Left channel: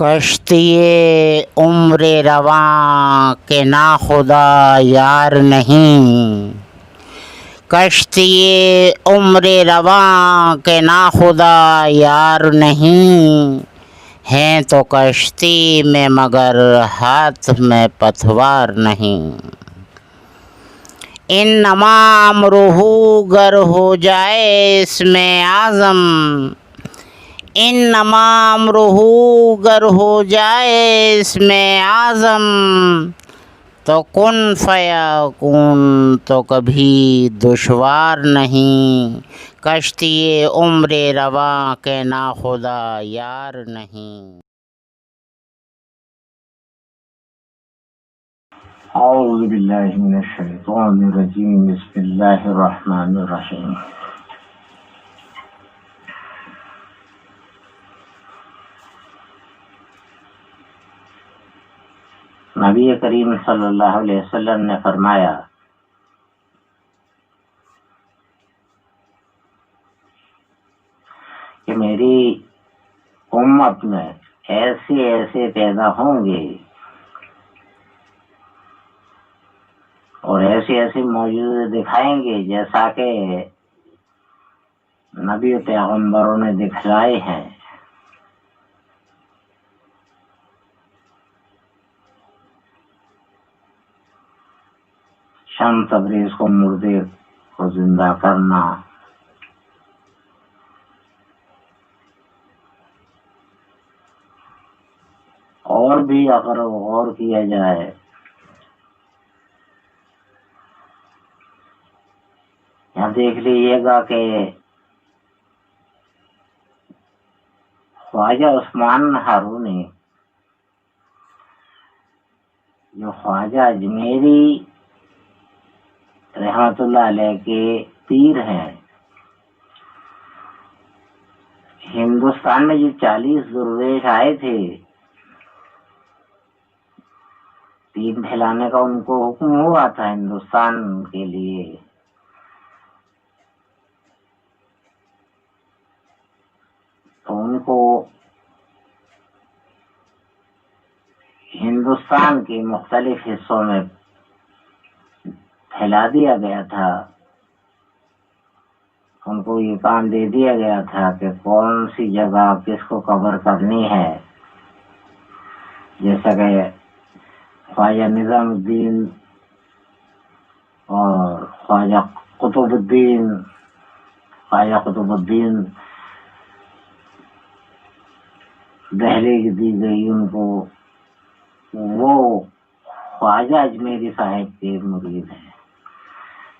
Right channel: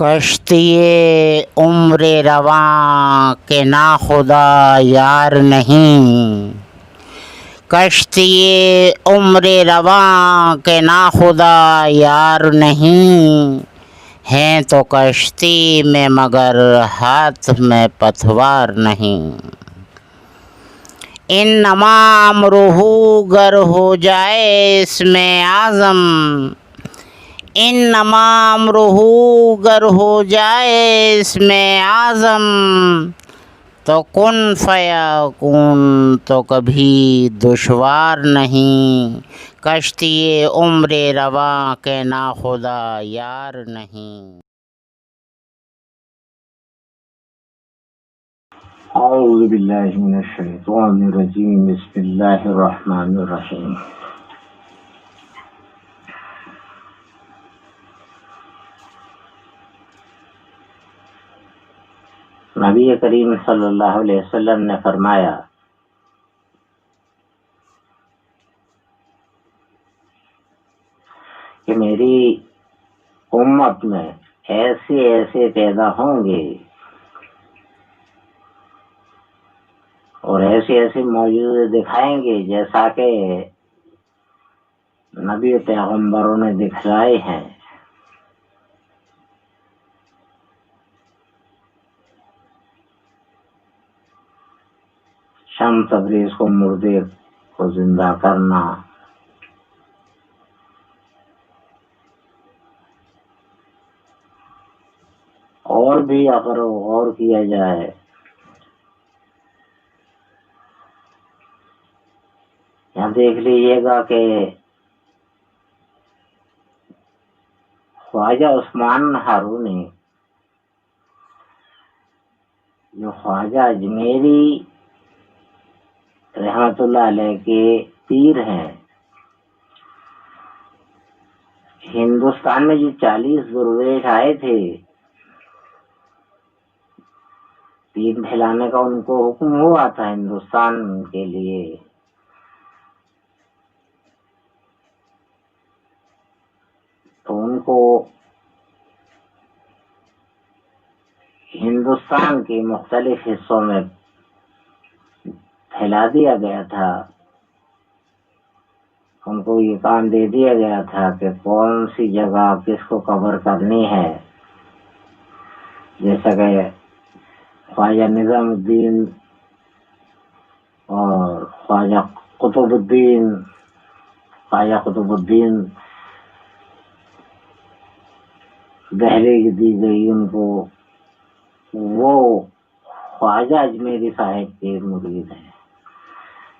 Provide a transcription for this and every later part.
کشتی عمر رواں کے ناخدا یار نہیں، کشتی عمر رواں کے ناخدا یار نہیں، ہیں تو کشتی میں مگر ہاتھ میں پتوار نہیں۔ انما امرہ گر ہو جائے اس میں اعظم، انما امرہ گر ہو جائے اس میں اعظم، تو کن فیکون تو کبھی دشوار نہیں، کشتی عمر رواں کے ناخدا یار نہیں۔ اعوذ باللہ من الشیطان الرجیم، بسم اللہ الرحمن الرحیم۔ نبی کریم صلی اللہ علیہ وسلم نے فرمایا کہ میری امت میں ایسے پیدا ہوں گے اور ایسی معجزے دکھائیں گے جیسا کہ نبی پیغمبروں نے دکھلائے ہیں۔ شمس تبریز کو مردے کو زندہ کرنا، اور بھی اگر غور کیا جائے یہاں دیکھ لیجیے گا کہ خواجہ عثمان ہارونی جو خواجہ اجمیری رحمت اللہ علیہ کے پیر ہیں، ہندوستان میں جو 40 درویش آئے تھے دین پھیلانے کا، ان کو حکم ہوا تھا ہندوستان کے لیے، تو ان کو ہندوستان کے مختلف حصوں میں پھیلا دیا گیا تھا۔ ان کو یہ کام دے دیا گیا تھا کہ کون سی جگہ کس کو کور کرنی ہے، جیسا کہ خواجہ نظام الدین اور خواجہ قطب الدین دہلی دی گئی ان کو، وہ خواجہ اجمیری صاحب کے مرید ہیں۔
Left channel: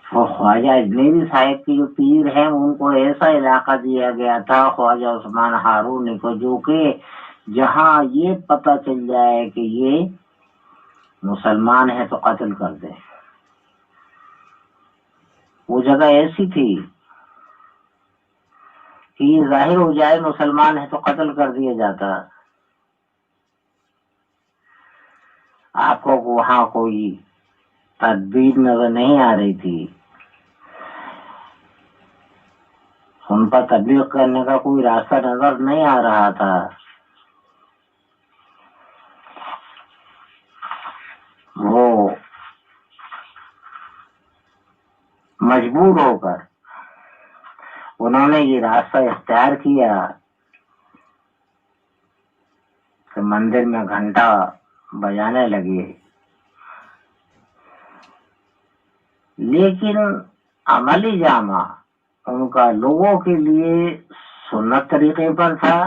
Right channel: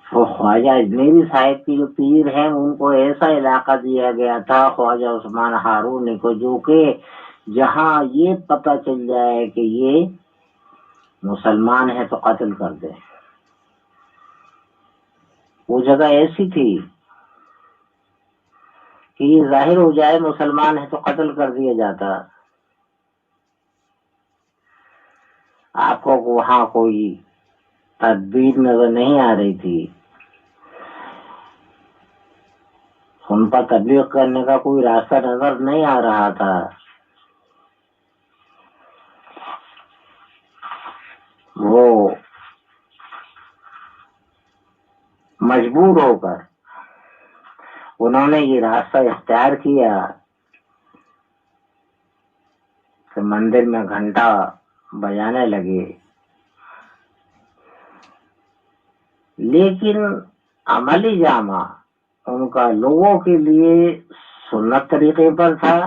وہ خواجہ اجمیری صاحب کی جو پیر ہیں ان کو ایسا علاقہ دیا گیا تھا خواجہ عثمان ہارونی کو، جو کہ جہاں یہ پتہ چل جائے کہ یہ مسلمان ہے تو قتل کر دے۔ وہ جگہ ایسی تھی کہ یہ ظاہر ہو جائے مسلمان ہے تو قتل کر دیا جاتا۔ آپ کو وہاں کوئی تدبیر نظر نہیں آ رہی تھی، ان پر تبلیغ کرنے کا کوئی راستہ نظر نہیں آ رہا تھا۔ وہ مجبور ہو کر انہوں نے یہ راستہ اختیار کیا کہ مندر میں گھنٹا بجانے لگے، لیکن عملی جامہ ان کا لوگوں کے لیے سنت طریقے پر تھا۔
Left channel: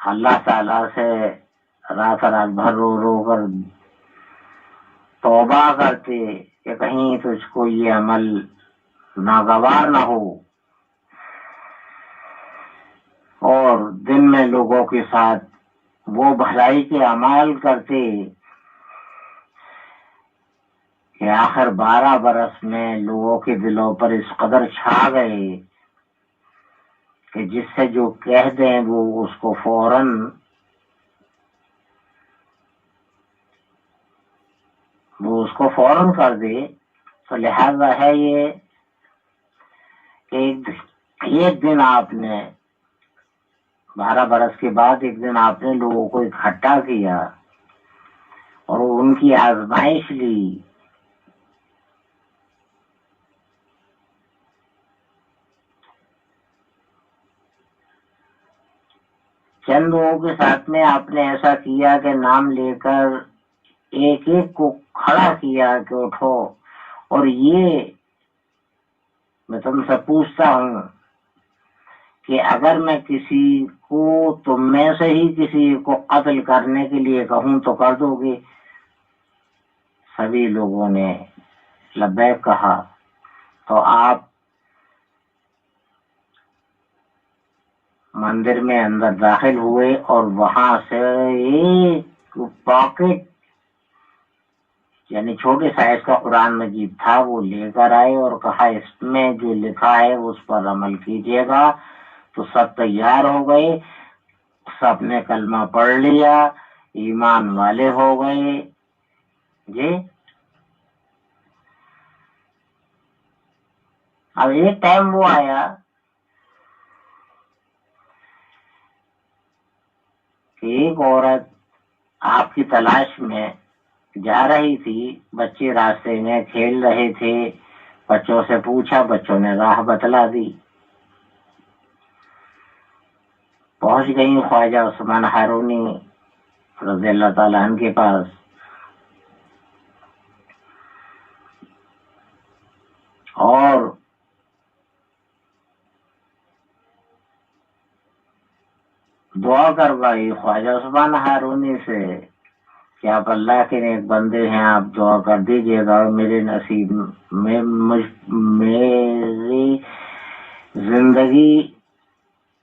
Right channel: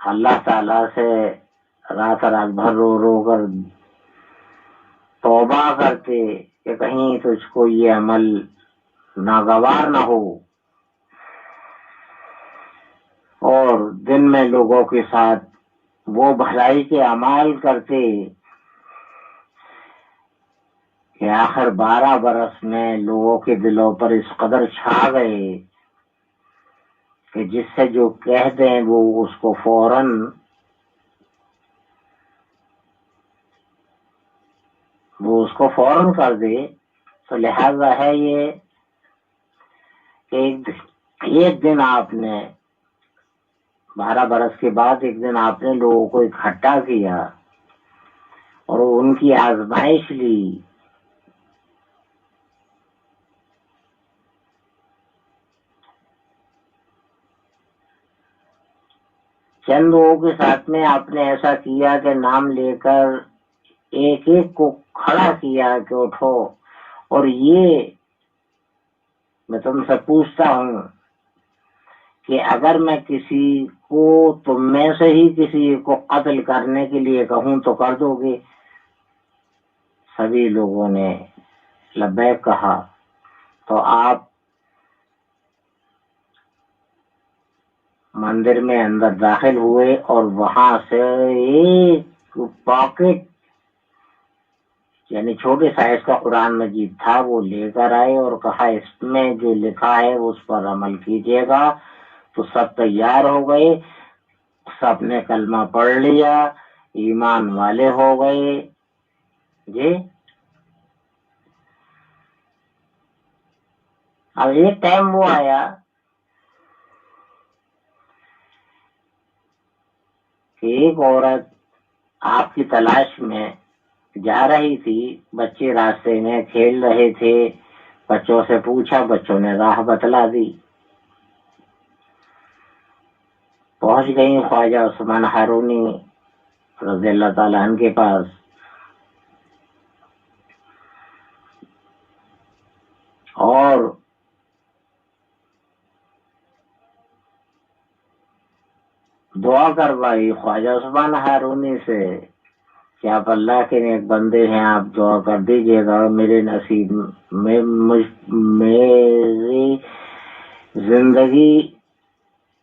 اللہ تعالیٰ سے رات بھر رو کر توبہ کرتے کہ کہیں تجھ کو یہ عمل ناگوار نہ ہو، اور دن میں لوگوں کے ساتھ وہ بھلائی کے اعمال کرتے کہ آخر 12 برس میں لوگوں کے دلوں پر اس قدر چھا گئے کہ جس سے جو کہہ دیں وہ اس کو فوراً کر دے۔ تو لہذا ہے یہ کہ ایک دن آپ نے 12 برس کے بعد ایک دن آپ نے لوگوں کو اکٹھا کیا اور ان کی آزمائش لی. چند لوگوں کے ساتھ میں آپ نے ایسا کیا کہ نام لے کر ایک ایک کو کھڑا کیا کہ اٹھو. اور یہ میں تم سے پوچھتا ہوں کہ اگر میں کسی کو تم میں سے ہی کسی کو قتل کرنے کے لیے کہوں تو کر دو گے؟ سبھی لوگوں نے لبیک کہا. تو آپ مندر میں اندر داخل ہوئے اور وہاں سے ایک پاکٹ یعنی چھوٹے سائز کا قرآن مجید تھا وہ لے کر آئے اور کہا اس میں جو لکھا ہے اس پر عمل کیجیے گا. تو سب تیار ہو گئے، سب نے کلمہ پڑھ لیا، ایمان والے ہو گئے. جی اب ایک ٹائم وہ آیا کہ ایک عورت آپ کی تلاش میں جا رہی تھی. بچے راستے میں کھیل رہے تھے، بچوں سے پوچھا، بچوں نے راہ بتلا دی. پہنچ گئی خواجہ عثمان ہارونی رضی اللہ تعالیٰ عنہ کے پاس. اور دعا کروائی خواجہ عثمان ہارونی سے کہ آپ اللہ کے نیک بندے ہیں، آپ دعا کر دیجیے گا. اور میرے نصیب میں میری زندگی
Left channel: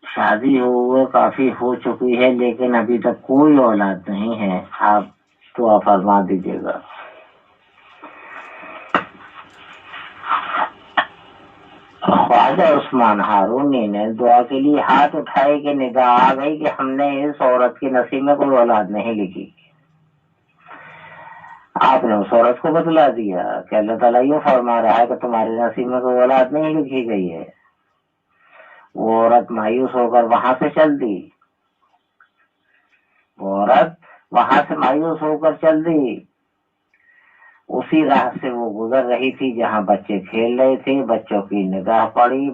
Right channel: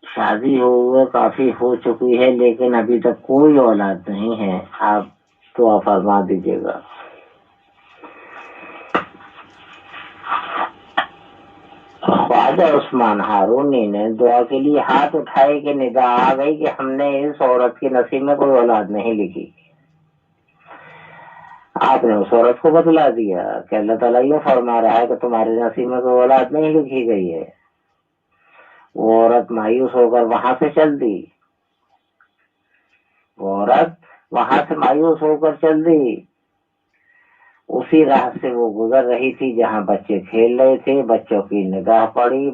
شادی ہوئے کافی ہو چکی ہے لیکن ابھی تک کوئی اولاد نہیں ہے، آپ دعا فرما دیجیے گا. خواجہ عثمان ہارونی نے دعا کے لیے ہاتھ اٹھائے کہ نگاہ آ گئی کہ ہم نے اس عورت کے نصیب میں کوئی اولاد نہیں لکھی. آپ نے اس عورت کو بتلا دیا کہ اللہ تعالیٰ یوں فرما رہا ہے کہ تمہارے نصیب میں کوئی اولاد نہیں لکھی گئی ہے. وہ عورت مایوس ہو کر وہاں سے چل دی. وہ عورت وہاں سے مایوس ہو کر چل دی. اسی راہ سے وہ گزر رہی تھی جہاں بچے کھیل رہے تھے. بچوں کی نگاہ پڑی.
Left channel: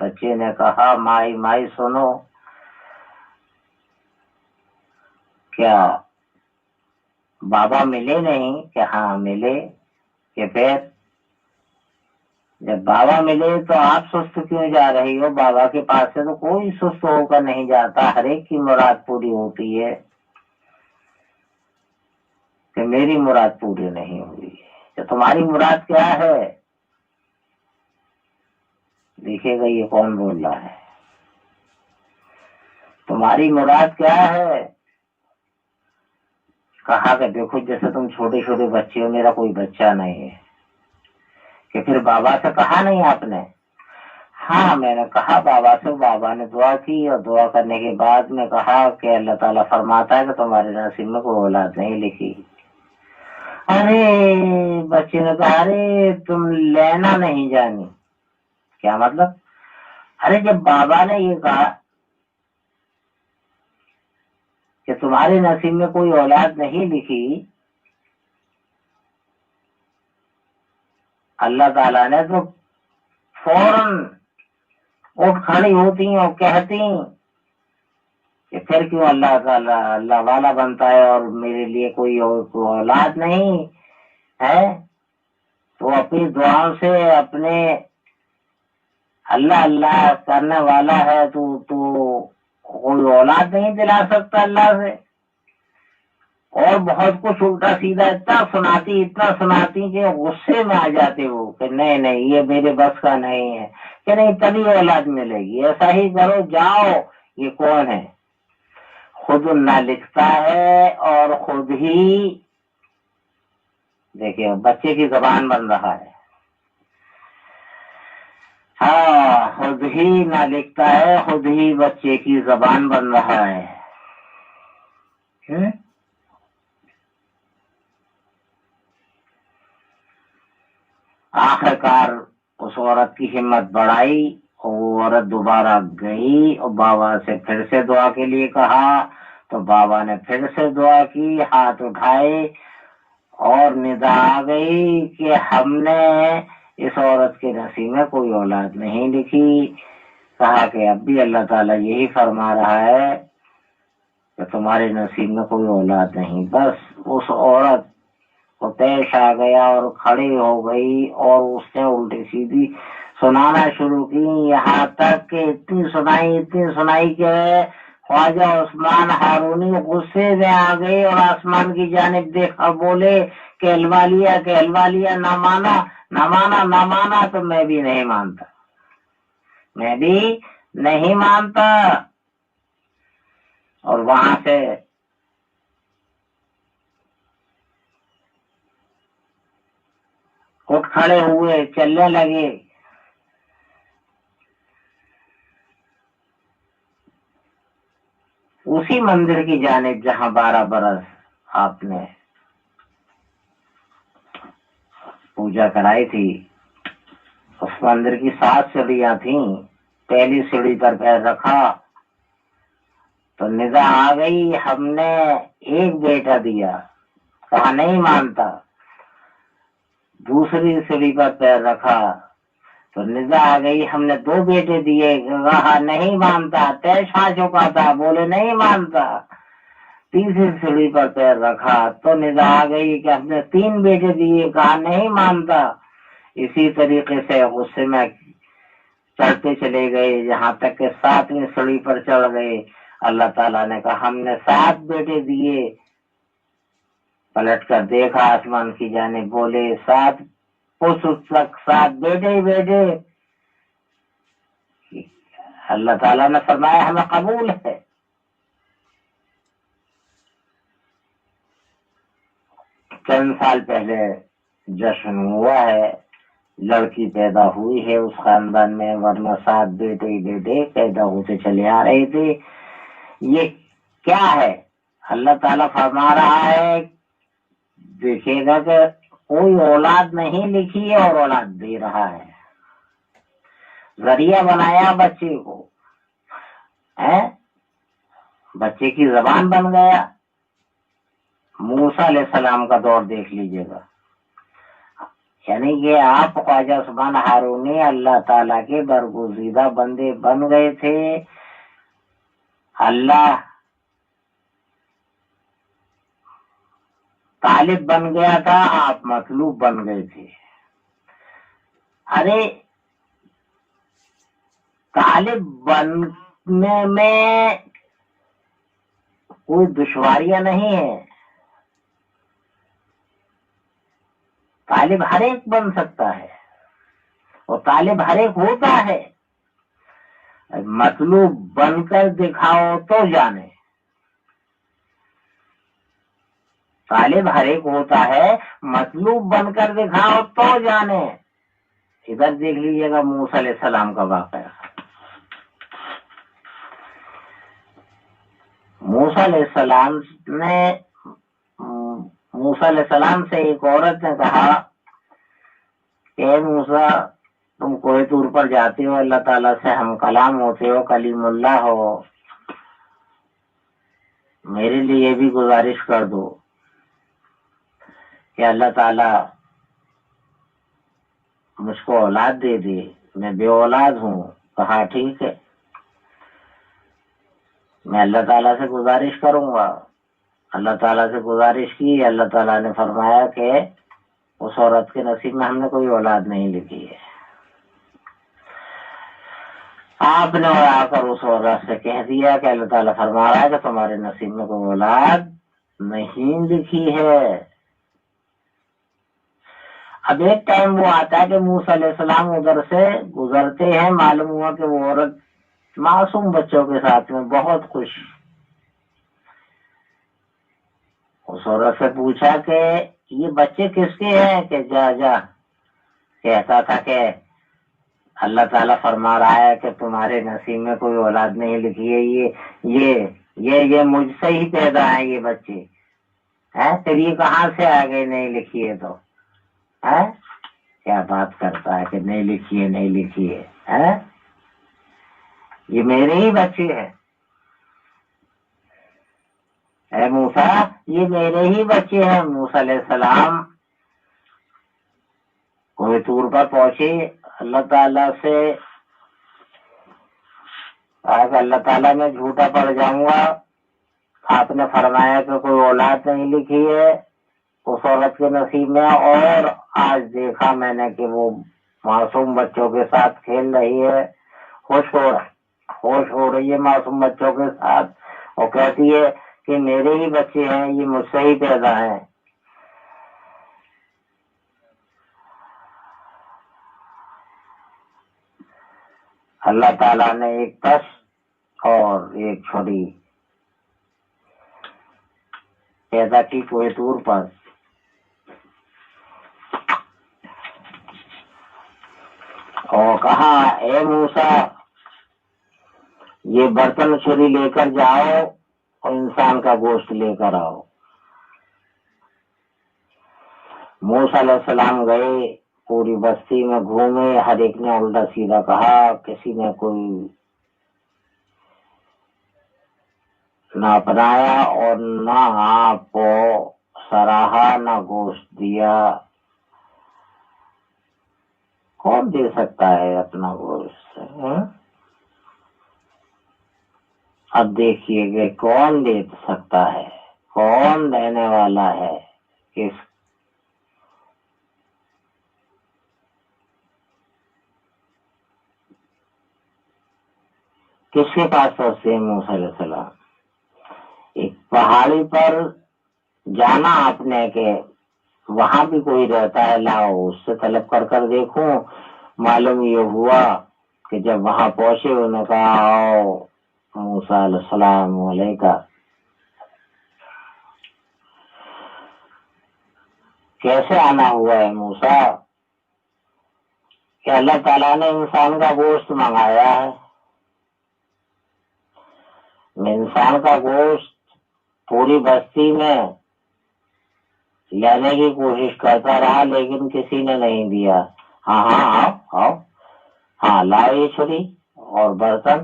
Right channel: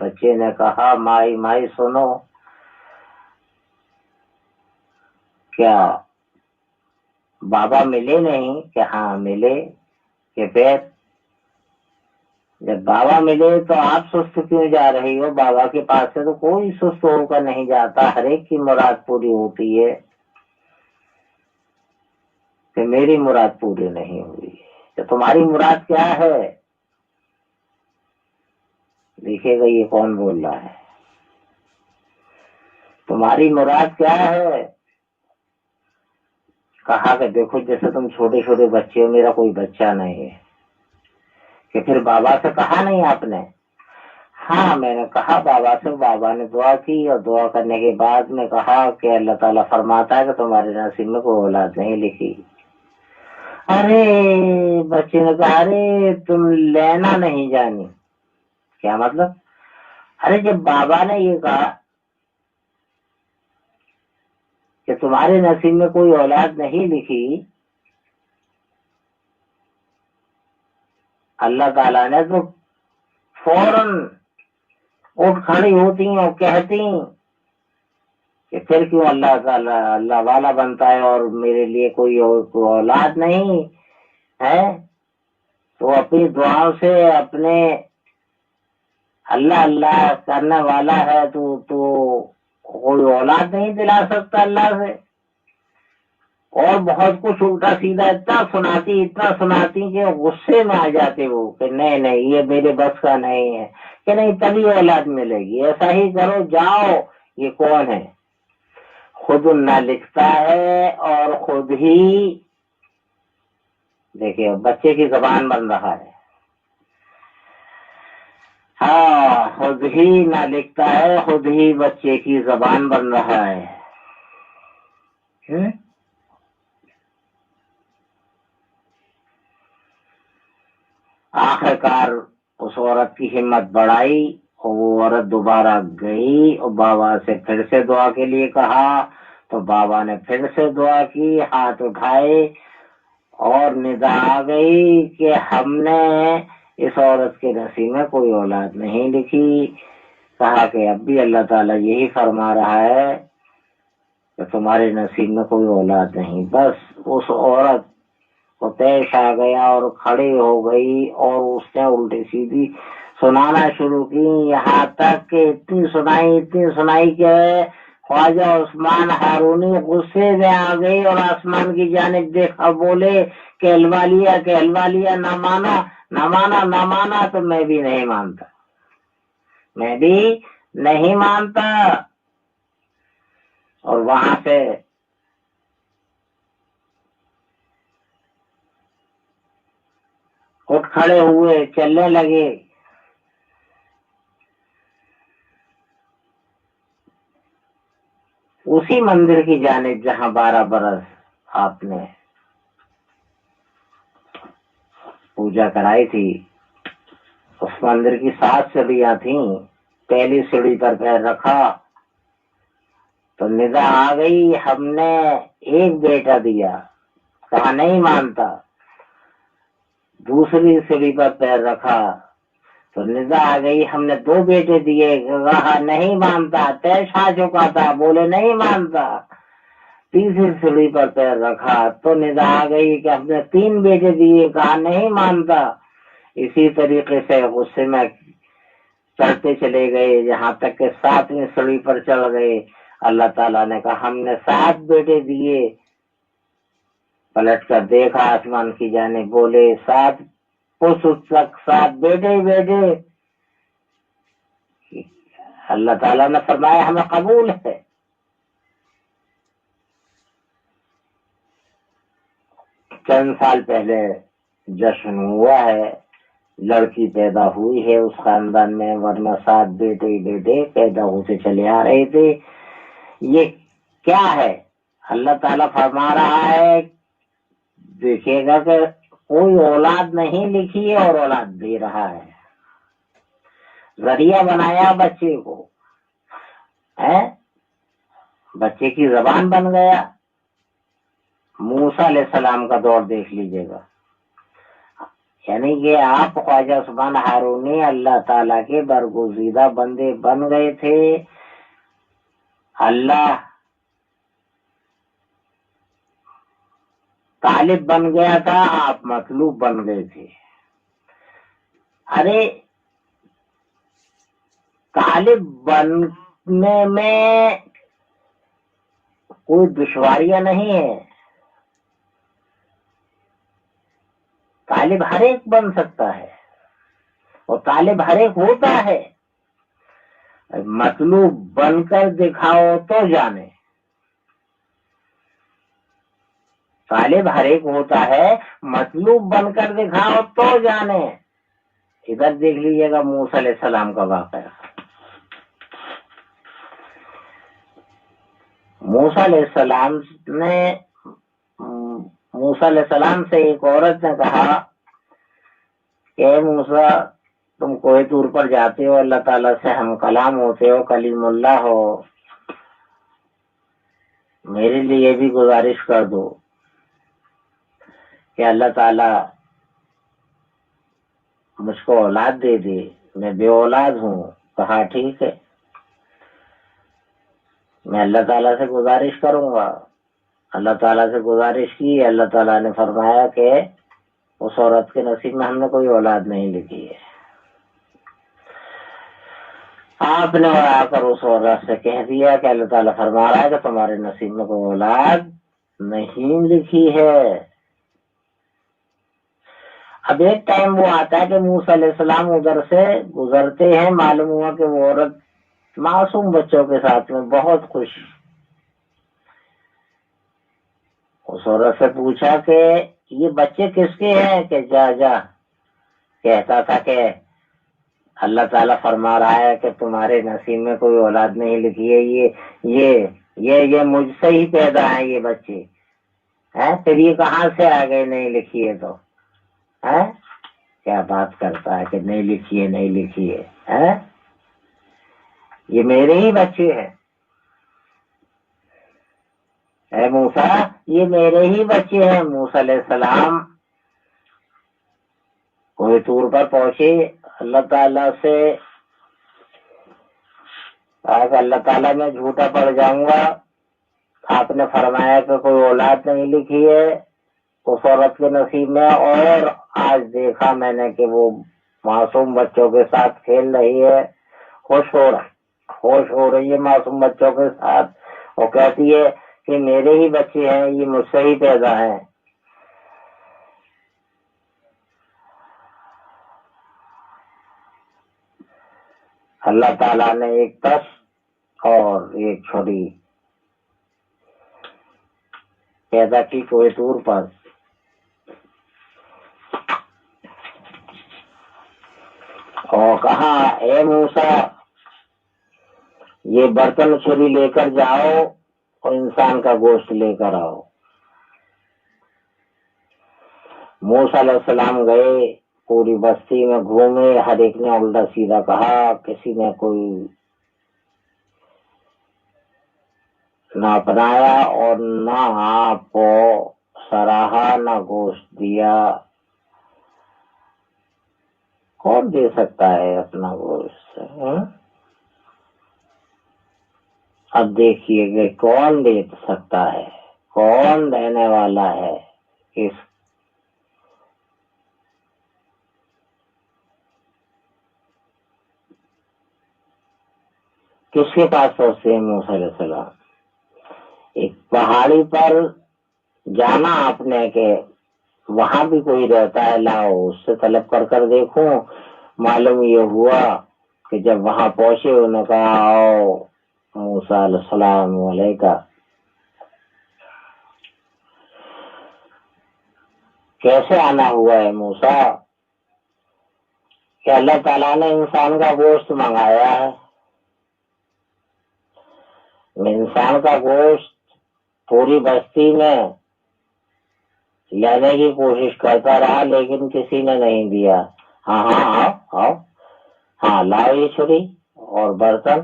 بچے نے کہا مائی مائی سنو، کیا بابا ملے نہیں؟ کہ ہاں ملے. کہ پھر جب بابا ملے تو آپ سست کیوں جا رہی ہو؟ بابا کے پاس سے تو کوئی سست ہو کر نہیں جاتا، ہر ایک کی مراد پوری ہوتی ہے. کہ میری مراد پوری نہیں ہوئی. کہ تمہاری مراد کیا ہے؟ دیکھیے گا یہ کون بول رہا ہے. تمہاری مراد کیا ہے؟ کہا کہ دیکھو جیسے تم چھوٹے چھوٹے بچے ہو، میرا کوئی بچہ نہیں ہے. کہ پھر بابا سے کہا نہیں آپ نے؟ ہاں میں نے کہا بابا سے. بابا نے دعا کی اور دعا کرنے کے بعد میں کہا کہ اللہ تعالیٰ فرماتا ہے کہ تمہارے نصیب میں کوئی اولاد نہیں لکھی. ارے بچے نے کہا ارے تم لینا نہیں جانی. کیا مطلب؟ ارے جب بابا نے یہ کہا کہ تمہارے نصیب میں کوئی اولاد نہیں لکھی، اللہ تعالیٰ نے تو فوراً اٹھ کھڑی ہوتی اور کہتی کہ پھر کیوں اللہ تعالیٰ اللہ والا بنتا ہے اور میرے لیے کوئی اولاد نہیں ہے. تو اپنی دعاؤں سے اپنے اللہ اللہ کرنے والا ہے تو کوئی اولاد نہیں دلا سکتا اللہ سے. اور بہت کچھ الٹا سیدھا اتنا سناتی کہ غصے میں آ جاتے وہ کہ نہیں نہیں یہ میرے بس کا نہیں ہے. کہ نہیں تبھی اولاد ملے گی، ایسا ہی کرو جاؤ. یہ کون ہے؟ خود نہ لکھتا ہے اور خود ہی دیکھیے بچے کی زبان بن رہا ہے. ہاں خود ہی نہ لکھتا ہے، خود ہی بچے کی زبان بن رہا ہے. آخر کار اس عورت کی ہمت بڑھائی وہ عورت دوبارہ گئی اور بابا سے پھر سے دعا کے لیے کہا، تو بابا نے پھر سے دعا کی، ہاتھ اٹھائے اور ندا آ گئی کہ ہم نے اس عورت کے نصیب میں کوئی اولاد نہیں لکھی۔ کہا کہ اب بھی اللہ تعالیٰ یہی فرما رہا ہے کہ تمہارے نصیب میں کوئی اولاد نہیں۔ بس اس عورت کو پیش آ گیا اور کھڑی ہو گئی اور اس نے الٹی سیدھی سنانا شروع کی، یہاں تک کہ اتنی سنائی کہ خواجہ عثمان ہارونی غصے میں آ گئے اور آسمان کی جانب دیکھا، بولے کہلوا لیا، نہ مانا نہ مانا نہ مانا، تو میں بھی نہیں مانتا، میں بھی نہیں مانتا۔ اور وہاں سے اٹھ کھڑے ہوئے، چلنے لگے۔ اسی مندر کی جانب جہاں 12 برس آپ نے پوجا کرائی تھی، اس مندر کی 7 سیڑھیاں تھیں۔ پہلی سیڑھی پر پیر رکھا تو ندا آ گئی، ہم نے ایک بیٹا دیا، کہا نہیں مانتا۔ دوسری سیڑھی پر پیر رکھا تو ندا آ گئی، ہم نے 2 بیٹے دیے، کہا نہیں مانتا، پیش آ چکا تھا، بولے نہیں مانتا۔ تیسری سیڑھی پر پیر رکھا تو ندا آ گئی کہ ہم نے 3 بیٹے دیے، کہا نہیں مانتا۔ اسی طریقے سے غصے میں چڑھتے چلے گئے، جہاں تک کہ 7ویں سیڑھی پر چڑھ گئے۔ اللہ تعالیٰ نے کہا ہم نے 7 بیٹے دیے۔ پلٹ کر دیکھا آسمان کی جانب، بولے 7 تک 7 بیٹے ہی بیٹے۔ اللہ تعالیٰ نے فرمایا ہمیں قبول ہے۔ چند سال پہلے جشن ہوا ہے، لڑکی پیدا ہوئی ہے اس خاندان میں، ورنہ 7 بیٹے ہی بیٹے پیدا ہوتے چلے آ رہے تھے۔ یہ کیا ہے؟ اللہ تعالیٰ فرما رہا ہے دیکھیے گا کہ کوئی اولاد نہیں لکھی ہے اور اولاد دے رہا ہے، ذریعہ بنایا بچے کو، بچے کی زبان بن گیا۔ موسیٰ علیہ السلام کا دور دیکھ لیجئے گا، یعنی کہ آپ خواجہ عثمان ہارونی اللہ تعالیٰ کے برگزیدہ بندے بن گئے تھے، اللہ طالب بن گیا تھا، آپ مطلوب بن گئے تھے۔ ارے طالب بننے میں کوئی دشواریاں نہیں ہے، طالب ہر ایک بن سکتا ہے اور طالب ہر ایک ہوتا ہے، مطلوب بن کر دکھاؤ تو جانے۔ طالب ہر ایک ہوتا ہے، مطلوب بن کر دکھاؤ تو جانے۔ ادھر دیکھ لیجیے گا موسیٰ علیہ السلام کا واقعہ۔ موسیٰ علیہ السلام سے ایک عورت نے کہا کہ اے موسیٰ، تم کوہ طور پر جاتے ہو، اللہ تعالیٰ سے ہم کلام ہوتے ہو، کلیم اللہ ہو، میرے لیے بھی گزارش کر دو کہ اللہ تعالیٰ مجھ کو اولاد دے دے، میں بے اولاد ہوں۔ کہا ٹھیک ہے، میں اللہ تعالیٰ سے گزارش کروں گا۔ اللہ تعالیٰ سے گزارش کی، اللہ تعالیٰ نے فرمایا کہ اس عورت کے نصیب میں ہم نے کوئی اولاد نہیں لکھی ہے۔ آپ نے آ کر اس عورت سے کہہ دیا کہ اللہ تعالیٰ فرما رہا ہے کہ تمہارے نصیب میں کوئی اولاد نہیں لکھی ہے۔ اب ایک ٹائم وہ آتا ہے کہ موسیٰ علیہ السلام ادھر سے گزرتے ہیں، معلوم ہوا کہ وہ عورت معصوم بچوں کے ساتھ میں بہت خوش۔ اس عورت سے پوچھا کہ یہ بچے کس کے ہیں؟ کہ جا کہتا تھا کہ اللہ تعالیٰ فرما رہا ہے کہ تمہارے نصیب میں کوئی اولاد نہیں لکھی ہے، یہ مجھ سے ہی پیدا ہیں یہ بچے، پھر یہ کہاں سے آ گئے نہیں لکھی ہے؟ تو کیا بات کرتا ہے کہ نہیں لکھی ہے۔ یہ میرے ہی بچے ہیں، اے موسیٰ یہ میرے ہی بچے ہیں۔ موسیٰ علیہ السلام کوہ طور پر پہنچے، اللہ تعالیٰ سے کہا کہ اللہ تعالیٰ میں جھوٹا پڑ جاؤں گا، آپ نے فرمایا کہ کوئی اولاد نہیں لکھی ہے اس عورت کے نصیب میں، اور آج دیکھا میں نے کہ وہ معصوم بچوں کے ساتھ کھیل رہی ہے، خوش ہو رہی ہے معصوم بچوں کے ساتھ، اور کہتی ہے کہ میرے ہی بچے ہیں، یہ مجھ سے ہی پیدا ہیں۔ اللہ تعالیٰ نے ایک تش اور ایک چھری پیدا کی کوہ طور پر، اور کہا اے موسیٰ یہ برتن چھری لے کر جاؤ اور انسان کا گوشت لے کر آؤ۔ موسیٰ علیہ السلام گئے، پوری بستی میں گھومے، ہر ایک نے الٹا سیدھا کہا، کسی نے کوئی نہ اپنایا اور نہ آپ کو سراہا، نہ گوشت دیا۔ کون دے سکتا ہے اپنا گوشت؟ اب دیکھیے کہ کون دے سکتا ہے، کون دینے والا ہے، کس کے پاس پہنچتے ہیں موسیٰ علیہ السلام؟ ایک پہاڑی پر جانا آپ نے کہ وہاں بھی کوئی رہتا ہے، لاؤ اس سے طلب کر کر دیکھوں۔ معلوم یہ ہوا کہ جب وہاں پہنچے انہوں نے کہا آؤ موسیٰ علیہ السلام علیکہ، کیسے آنا ہوا ہے موسیٰ؟ کہ اللہ تعالیٰ نے انسان کا گوشت منگایا ہے، انسان کا گوشت پوری بستی میں لینے کی کوشش کرتا رہا لیکن کسی نے نہیں دیا۔ ہاں ہاں آؤ آؤ، ہاں لاؤ یہ چھری اور برتن۔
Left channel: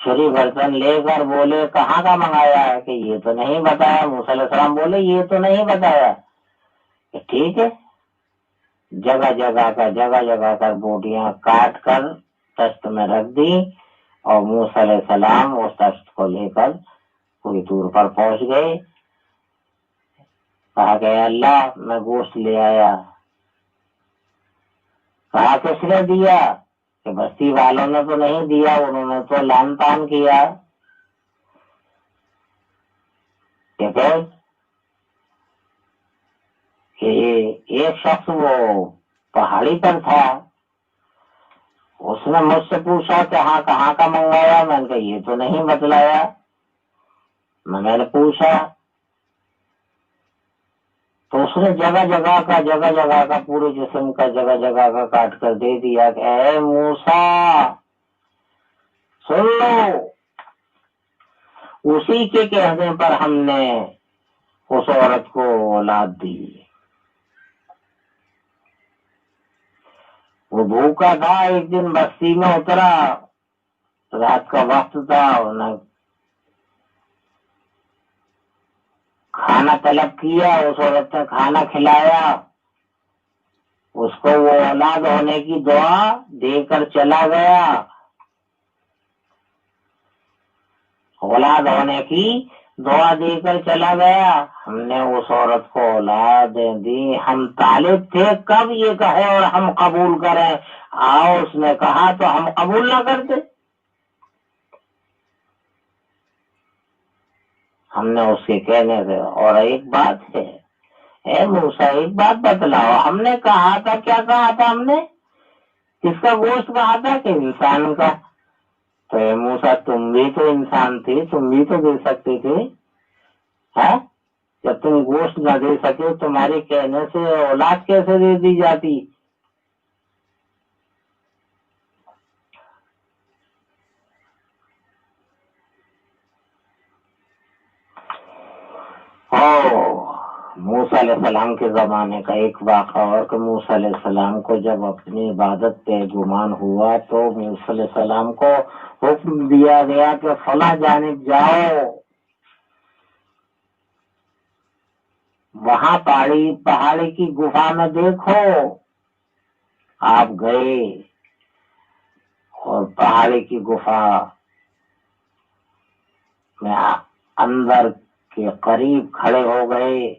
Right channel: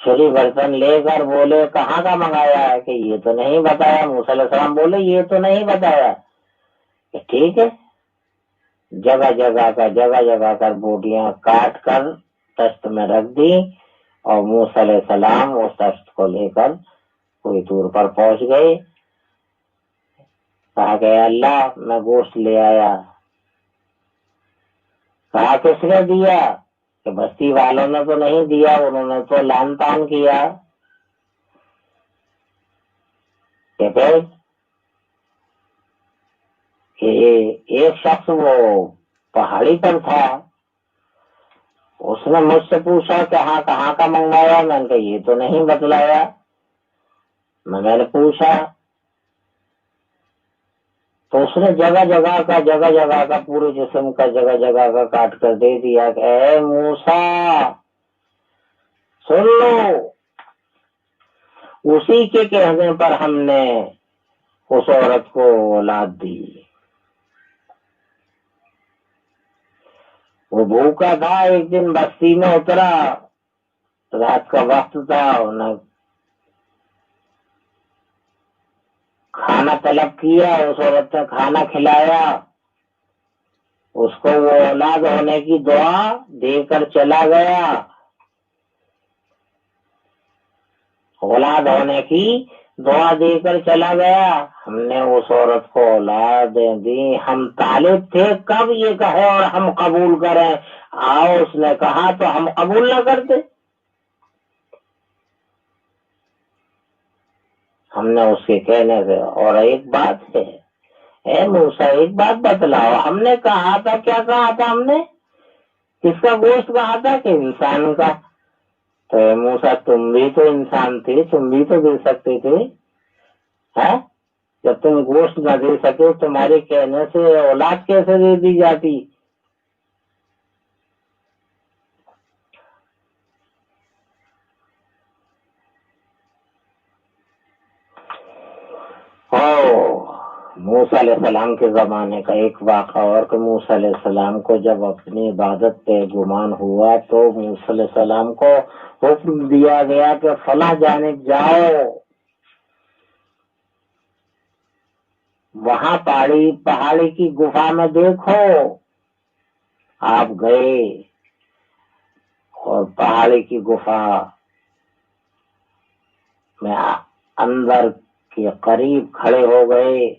چھری برتن لے کر بولے کہاں کا منگایا ہے؟ کہ یہ تو نہیں بتایا۔ موسیٰ علیہ السلام بولے یہ تو نہیں بتایا۔ کہ ٹھیک ہے، جگہ جگہ کر بوٹیاں کاٹ کر تشت میں رکھ دی، اور موسیٰ علیہ السلام اس تشت کو لے کر کوئی دور پر پہنچ گئے۔ کہا کہ اللہ میں گوشت لے آیا۔ کہا کس نے دیا؟ کہ بستی والوں نے تو نہیں دیا، انہوں نے تو لان تان کیا۔ کہ پھر کہ ایک شخص وہ پہاڑی پر تھا، اس نے مجھ سے پوچھا کہ ہاں کہاں کا منگوایا؟ میں نے کہا یہ تو نہیں بتلایا۔ میں نے پوچھا تو اس نے جگہ جگہ کا پورے جسم کا جگہ جگہ کا کاٹ کر دے دیا کہ اے موسیٰ سن لو، اسی کے کہنے پر ہم نے اس عورت کو اولاد دی۔ وہ بھوکا تھا، ایک دن بستی میں اترا، رات کا وقت تھا، انہیں کھانا طلب کیا، اس عورت نے کھانا کھلایا، اس کو وہ اولاد ہونے کی دعا دے کر چلا گیا، اولاد ہونے کی دعا دے کر چلا گیا۔ ہم نے اس عورت کو اولادیں دی، ہم طالب تھے کب یہ کہے اور ہم قبول کریں، اس نے کہا تو ہم قبول نہ کرتے۔ ہم نے اس کے کہنے سے، اور ایک بات ہے اے موسیٰ ایک بات بتلاؤ، ہم نے کہا تھا، کیا کہا تھا ہم نے؟ کس کا گوشت کہا تھا؟ کہ انسان کا۔ تو اے موسیٰ تم بھی تو انسان تھے، تم بھی تو دے سکتے تھے، ہاں؟ جب تم گوشت نہ دے سکے تمہارے کہنے سے اولاد کیسے دے دی جاتی؟ موسیٰ علیہ السلام کے زمانے کا ایک واقعہ اور کہ موسیٰ علیہ السلام کو جب اپنی عبادت پہ گمان ہوا تو موسیٰ علیہ السلام کو حکم دیا گیا کہ فلاں جانب جاؤ، وہاں پہاڑی کی گفا میں دیکھو۔ آپ گئے اور پہاڑی کی گفا میں اندر کے قریب کھڑے ہو گئے،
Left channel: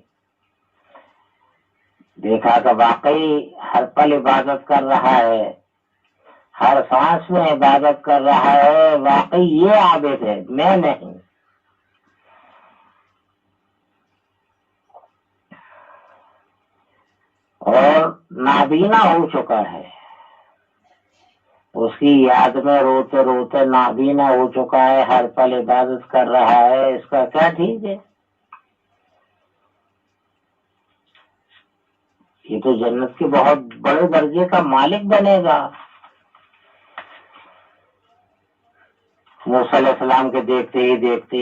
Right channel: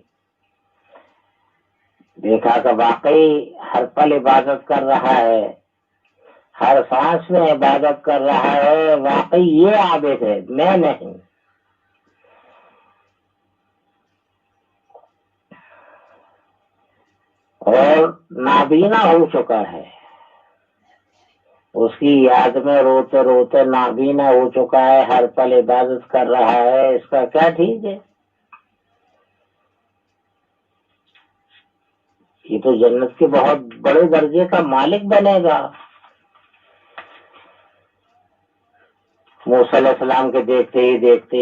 دیکھا کہ واقعی ہر پل عبادت کر رہا ہے، ہر سانس میں عبادت کر رہا ہے، واقعی یہ عابد ہے، میں نہیں۔ اور نابینا ہو چکا ہے، اس کی یاد میں روتے روتے نابینا ہو چکا ہے، ہر پل عبادت کر رہا ہے، اس کا کیا ٹھیک ہے؟ یہ تو جنت کے بہت بڑے درجے کا مالک بنے گا۔ موسیٰ علیہ السلام کے دیکھتے ہی دیکھتے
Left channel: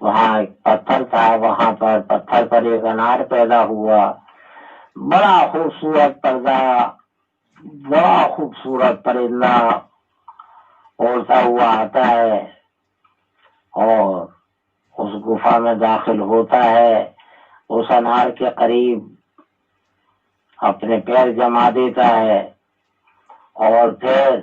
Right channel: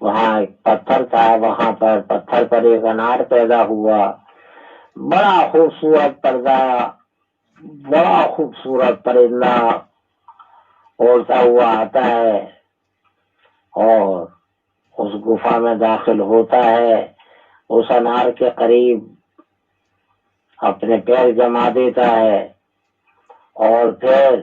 وہاں ایک پتھر تھا، وہاں پر پتھر پر ایک انار پیدا ہوا، بڑا خوبصورت پرندہ، بڑا خوبصورت پرندہ اڑتا ہوا آتا ہے اور اس گفا میں داخل ہوتا ہے، اس انار کے قریب اپنے پیر جما دیتا ہے اور پھر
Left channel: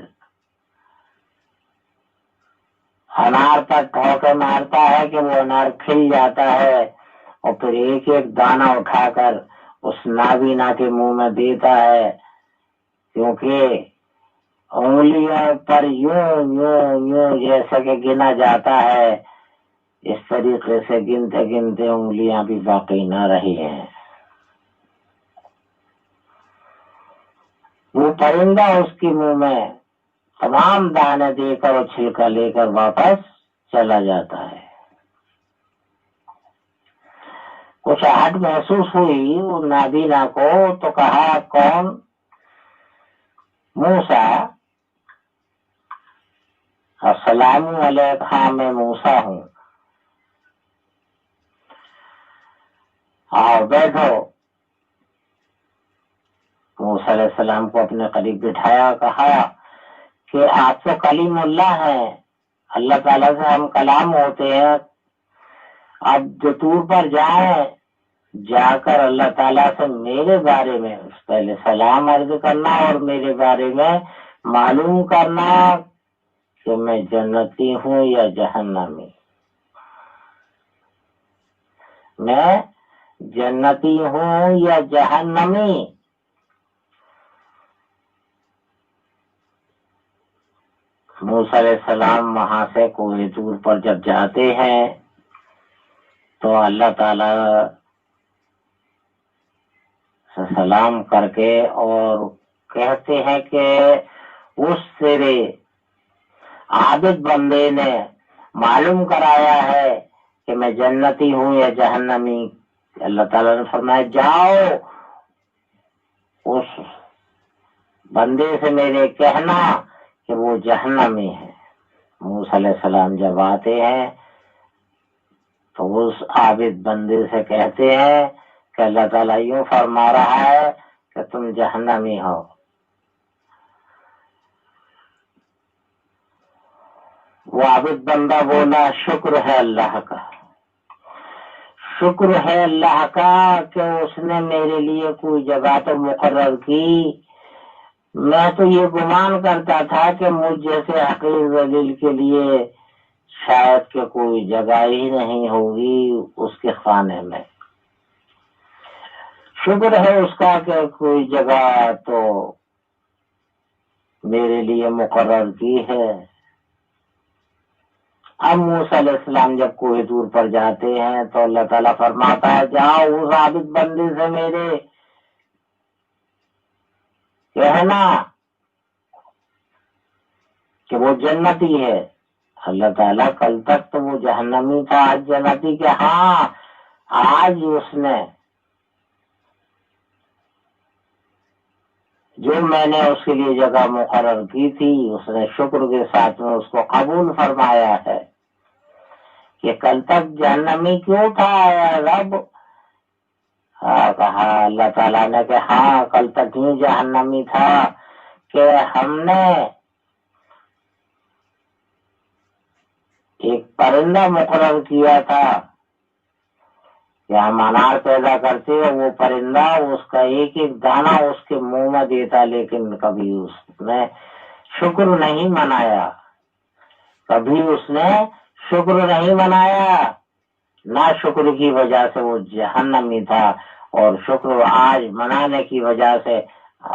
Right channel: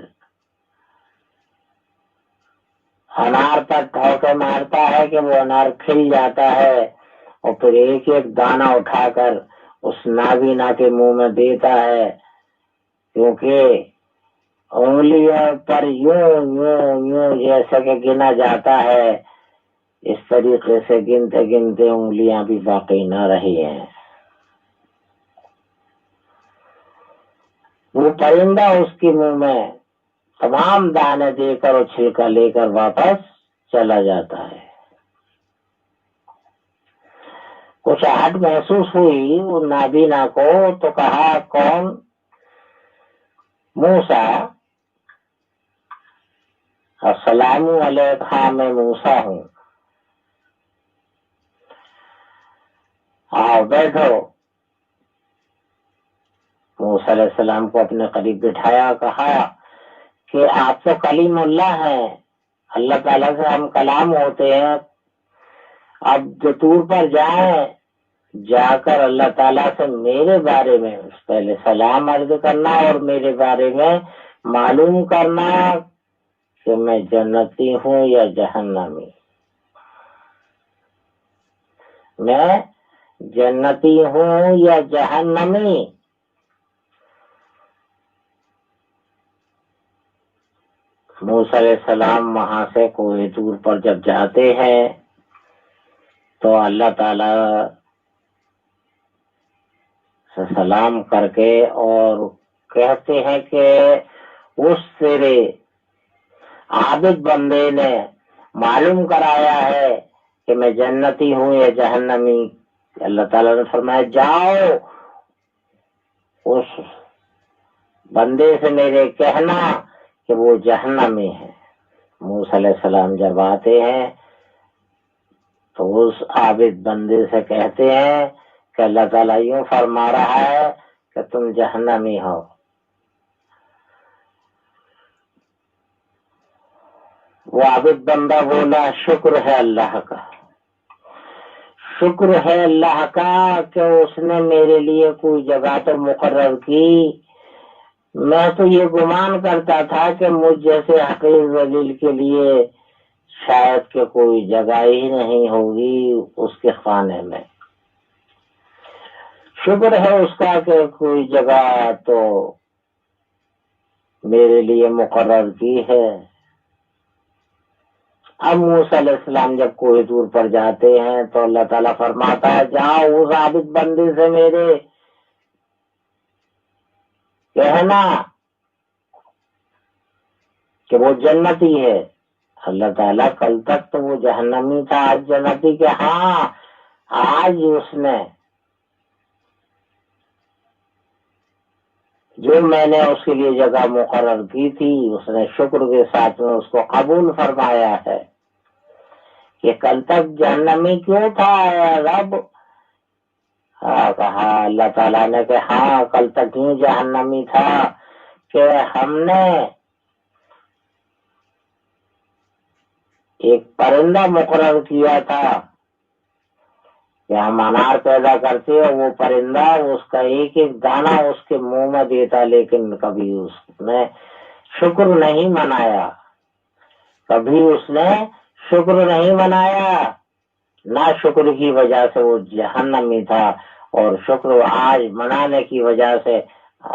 انار پر ٹھوکے مارتا ہے کہ وہ انار کھل جاتا ہے، اور پھر ایک ایک دانہ اٹھا کر اس نابینا کے منہ میں دیتا ہے، کیونکہ انگلیوں پر یوں یوں یوں جیسا کہ گنا جاتا ہے، اس طریقے سے گنتے گنتے انگلیاں بھی باقی نہ رہی ہیں۔ وہ پرندہ اس کے منہ میں تمام دانے دے کر اور چھلکا لے کر واپس چلا جاتا ہے۔ کچھ آہٹ محسوس ہوئی وہ نابینا کو، تو کہا کون؟ موسیٰ، السلام علیکم، ہاں میں موسیٰ ہوں، آؤ بیٹھو۔ موسیٰ علیہ السلام کو اپنے قریب بٹھایا، کہا کہ آپ تو کلیم اللہ ہیں، اللہ تعالیٰ سے ہم کلام ہوتے ہیں، اب جو طور پر جائیں، جا کر اللہ تعالیٰ سے میرے بارے میں پہلے سلام عرض کرنا اور میرے بارے میں معلوم کرنا کہ میں جنتی ہوں یا جہنمی۔ میں جنتی ہوں یا جہنمی۔ موسیٰ علیہ السلام وہاں سے کوہ طور پر جب جاتے ہیں تو اللہ تعالی سے سلام کر کے اور کہتے ہیں کہ اس تیرے عابد بندے نے معلوم کرایا ہے کہ میں جنتی ہوں یا جہنمی۔ اللہ تعالیٰ نے فرمایا جاؤ اس بندے سے میرے کہنا کہ وہ جہنمی ہے۔ موسیٰ علیہ السلام جب آتے ہیں تو اس عابد بندے سے کہتے ہیں کہ اللہ تعالیٰ یوں فرما رہا ہے کہ تم جہنمی ہو۔ وہ عابد بندہ بولا شکر ہے اللہ کا، شکر ہے اللہ کا کہ اس نے میرے لیے کوئی جگہ تو مقرر کی، میں تو یہ گمان کرتا تھا کہ مجھ جیسے حقیر ذلیل کے لیے شاید کہ کوئی جگہ ہی نہیں ہوگی اس کے خانے میں۔ شکر ہے اس کا کہ کوئی جگہ تو میرے لیے مقرر کی ہے۔ اب موسیٰ علیہ السلام جب کوہ طور پر جاتے ہیں تو اللہ تعالیٰ فرماتا ہے جاؤ اس عابد بندے سے میرے کہنا کہ وہ جنتی ہے۔ اللہ تعالیٰ کل تک تو وہ جہنمی تھا، آج جنتی، کہ ہاں آج اس نے جو میں نے اس کے لیے جگہ مقرر کی تھی اس نے شکر کے ساتھ میں اس کو قبول فرمایا ہے۔ کہ کل تک جہنمی کیوں تھا اے رب؟ کہا اللہ تعالیٰ نے کہ ہاں کل تک یوں جہنمی تھا کہ ہم نے ایک پرندہ مقرر کیا تھا کہ ہم انار پیدا کرتے ہیں، وہ پرندہ اس کا ایک ایک دانہ اس کے منہ میں دیتا، لیکن کبھی اس نے شکر نہیں منایا، کبھی اس نے شکر نہیں منایا، نہ شکر کی وجہ سے وہ جہنمی تھا، اور شکر آج منانے کی وجہ سے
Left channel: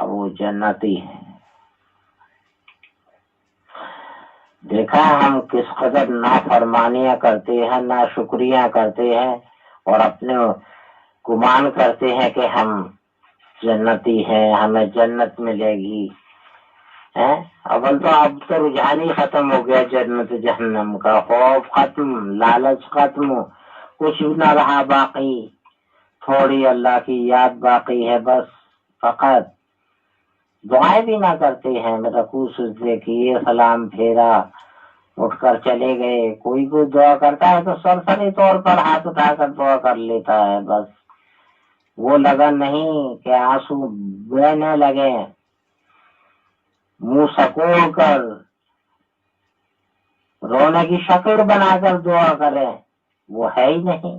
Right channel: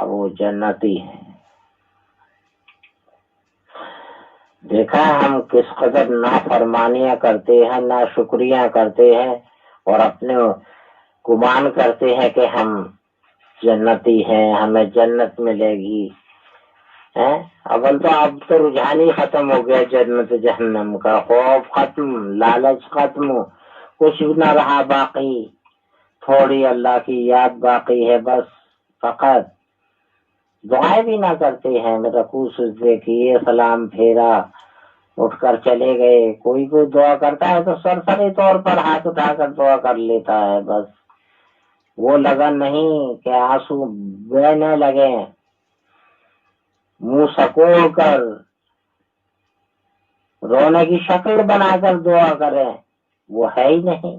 وہ جنتی ہے۔ دیکھا ہم کس قدر نافرمانیاں کرتے ہیں، نا شکریہ کرتے ہیں، اور اپنے گمان کرتے ہیں کہ ہم جنتی ہیں، ہمیں جنت ملے گی۔ اول تو اب تو رجحان ہی ختم ہو گیا، جنت جہنم کا خوف ختم، لالچ ختم، کچھ بھی نہ رہا باقی، تھوڑی اللہ کی یاد باقی ہے، بس فقط دعائیں بھی نہ کرتے ہیں، رکوع سجدے کیے، سلام پھیرا، اٹھ کر چلے گئے۔ کوئی دعا کرتا ہے تو سرسری طور پر ہاتھ اٹھا کر دعا کر لیتا ہے، بس وہ لگن نہیں کہ آنسو بہنے لگے، منہ سکوڑ کر رونے کی شکل بنا کر دعا کریں، وہ ہے ہی نہیں۔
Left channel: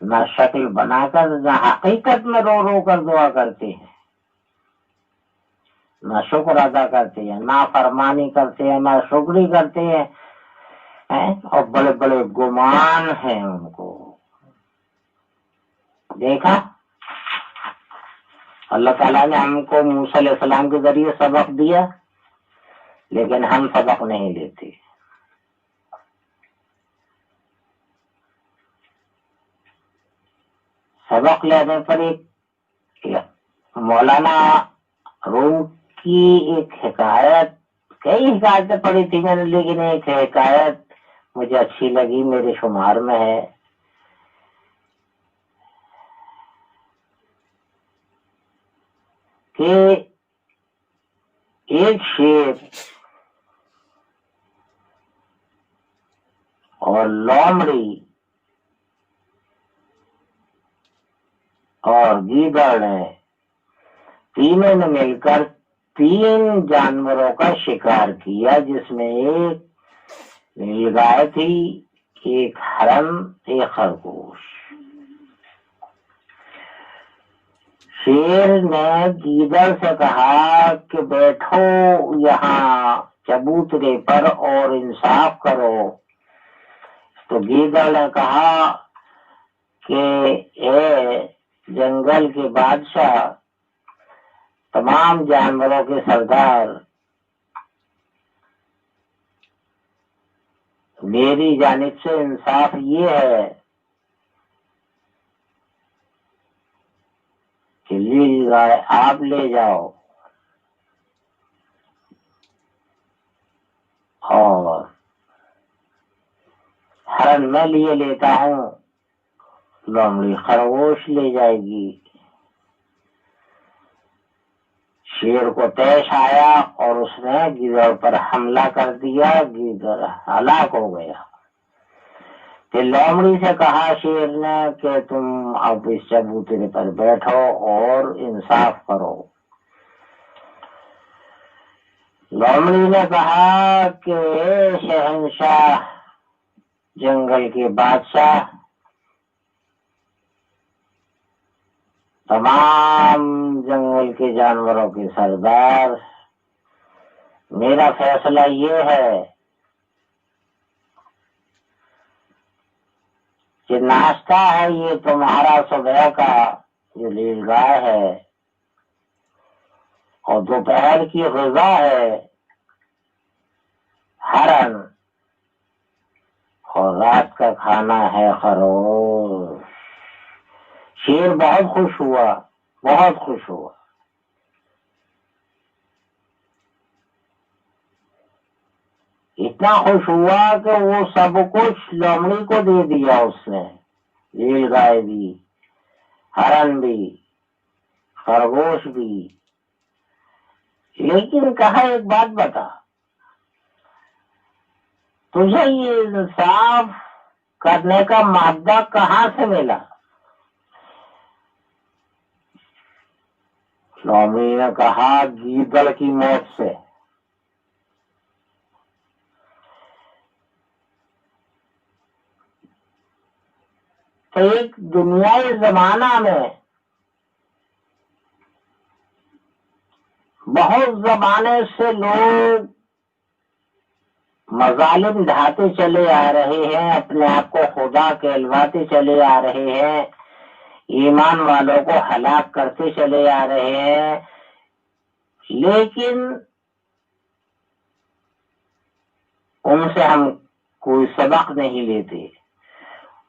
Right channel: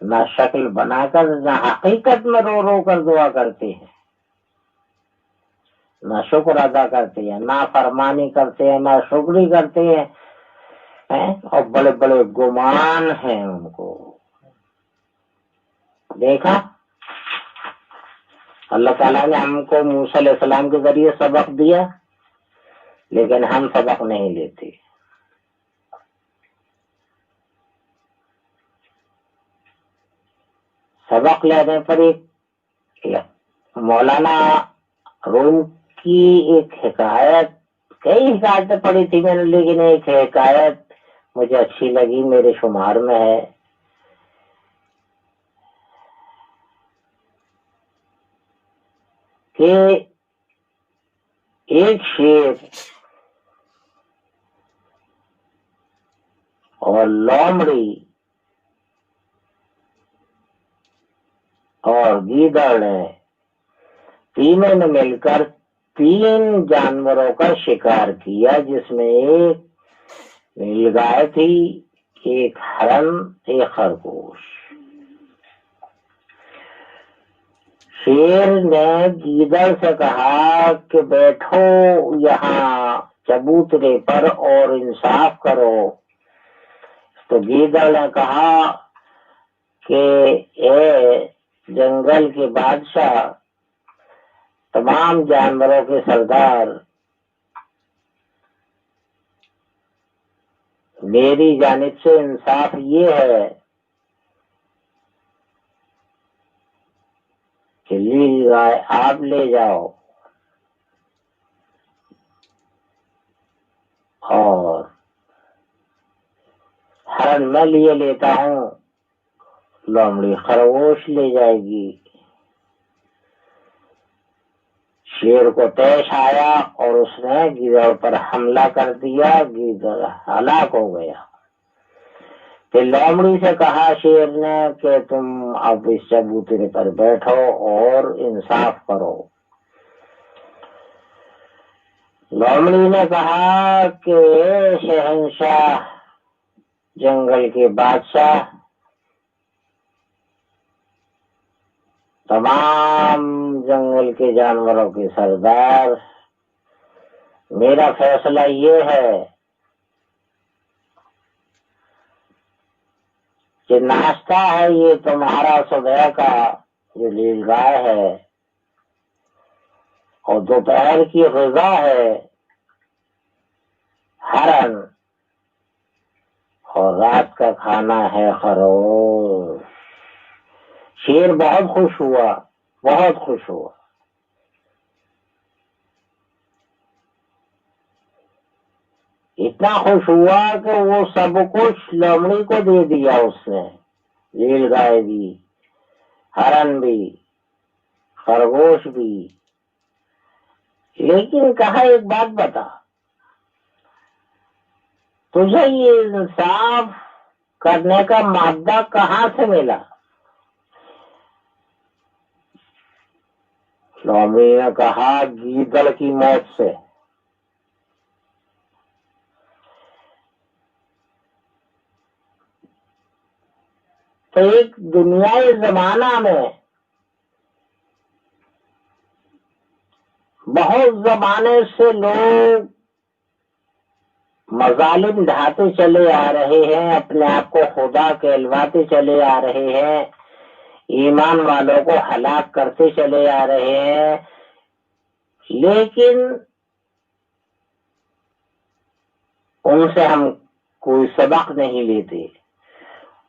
نہ شکل بنا کر، نہ حقیقت میں رو رو کر دعا کرتے ہیں، نہ شکر ادا کرتے ہیں، نہ فرمانی کرتے ہیں، نہ شکری کرتے ہیں، اور بڑے بڑے گمان ہیں ان کو۔ دیکھا اللہ تعالیٰ نے ہم کو موسیٰ علیہ السلام کے ذریعے سبق دیا، لیکن ہم سبق نہیں لیتے۔ سبق لینے پر ایک مولانا روم کی ایک حکایت، کئی حکایتیں پڑھی تھی میں نے، لیکن ایک حکایت مجھے اچھی لگی، میرے شمار میں ہے کہ ایک شیر اور لومڑی اور گیدڑ نے، تینوں نے مل کر 3 جانوروں کا شکار کیا، جس میں ایک نیلگائے تھی، ایک ہرن، ایک خرگوش۔ شیر نے گیدڑ سے کہا کہ بیٹھو یہاں چبوترے پر اور انصاف کرو۔ تو گیدڑ نے کہا کہ اے جنگل کے بادشاہ، تمام جانوروں کے سردار، میری جانب سے انصاف یہ ہے کہ لیل گائے آپ لے جاؤ اور ہرن میں لیے لیتا ہوں، لومڑی خرگوش لے جائے گی۔ شیر کو طیش آیا اور اس نے گیدڑ پر حملہ کر دیا، گیدڑ ہلاک ہو گیا۔ کہ لومڑی سے کہا شیر نے کہ تم اب اس چبوترے پر بیٹھو اور انصاف کرو۔ لومڑی نے کہا کہ اے شہنشاہ، جنگل کے بادشاہ، تمام جنگل کے جانوروں کے سردار، میرا فیصلہ یہ ہے کہ ناشتہ ہے یہ تمہارا صبح کا جو لیل گائے ہے، اور دوپہر کی غذا ہے ہرن، اور رات کا کھانا ہے خرگوش۔ شیر بہت خوش ہوا، بہت خوش ہوا۔ اتنا خوش ہوا کہ وہ سب کچھ لومڑی کو دے دیا اس نے، لیل گائے بھی، ہرن بھی، خرگوش بھی۔ لیکن کہا ایک بات بتا، تجھے یہ انصاف کرنے کا مادہ کہاں سے ملا؟ سوامی نے کہا گیدڑ کی موت سے۔ تو ایک دنیائی زمانہ میں بہت زمانے سے لوگ مظالم ڈھاتے چلے آ رہے ہیں، اپنے آپ کو خدا کہلواتے چلے آ رہے ہیں، ایمان والوں کو ہلاک کرتے چلے آ رہے ہیں، لیکن ان سے ہم کوئی سبق نہیں لیتے،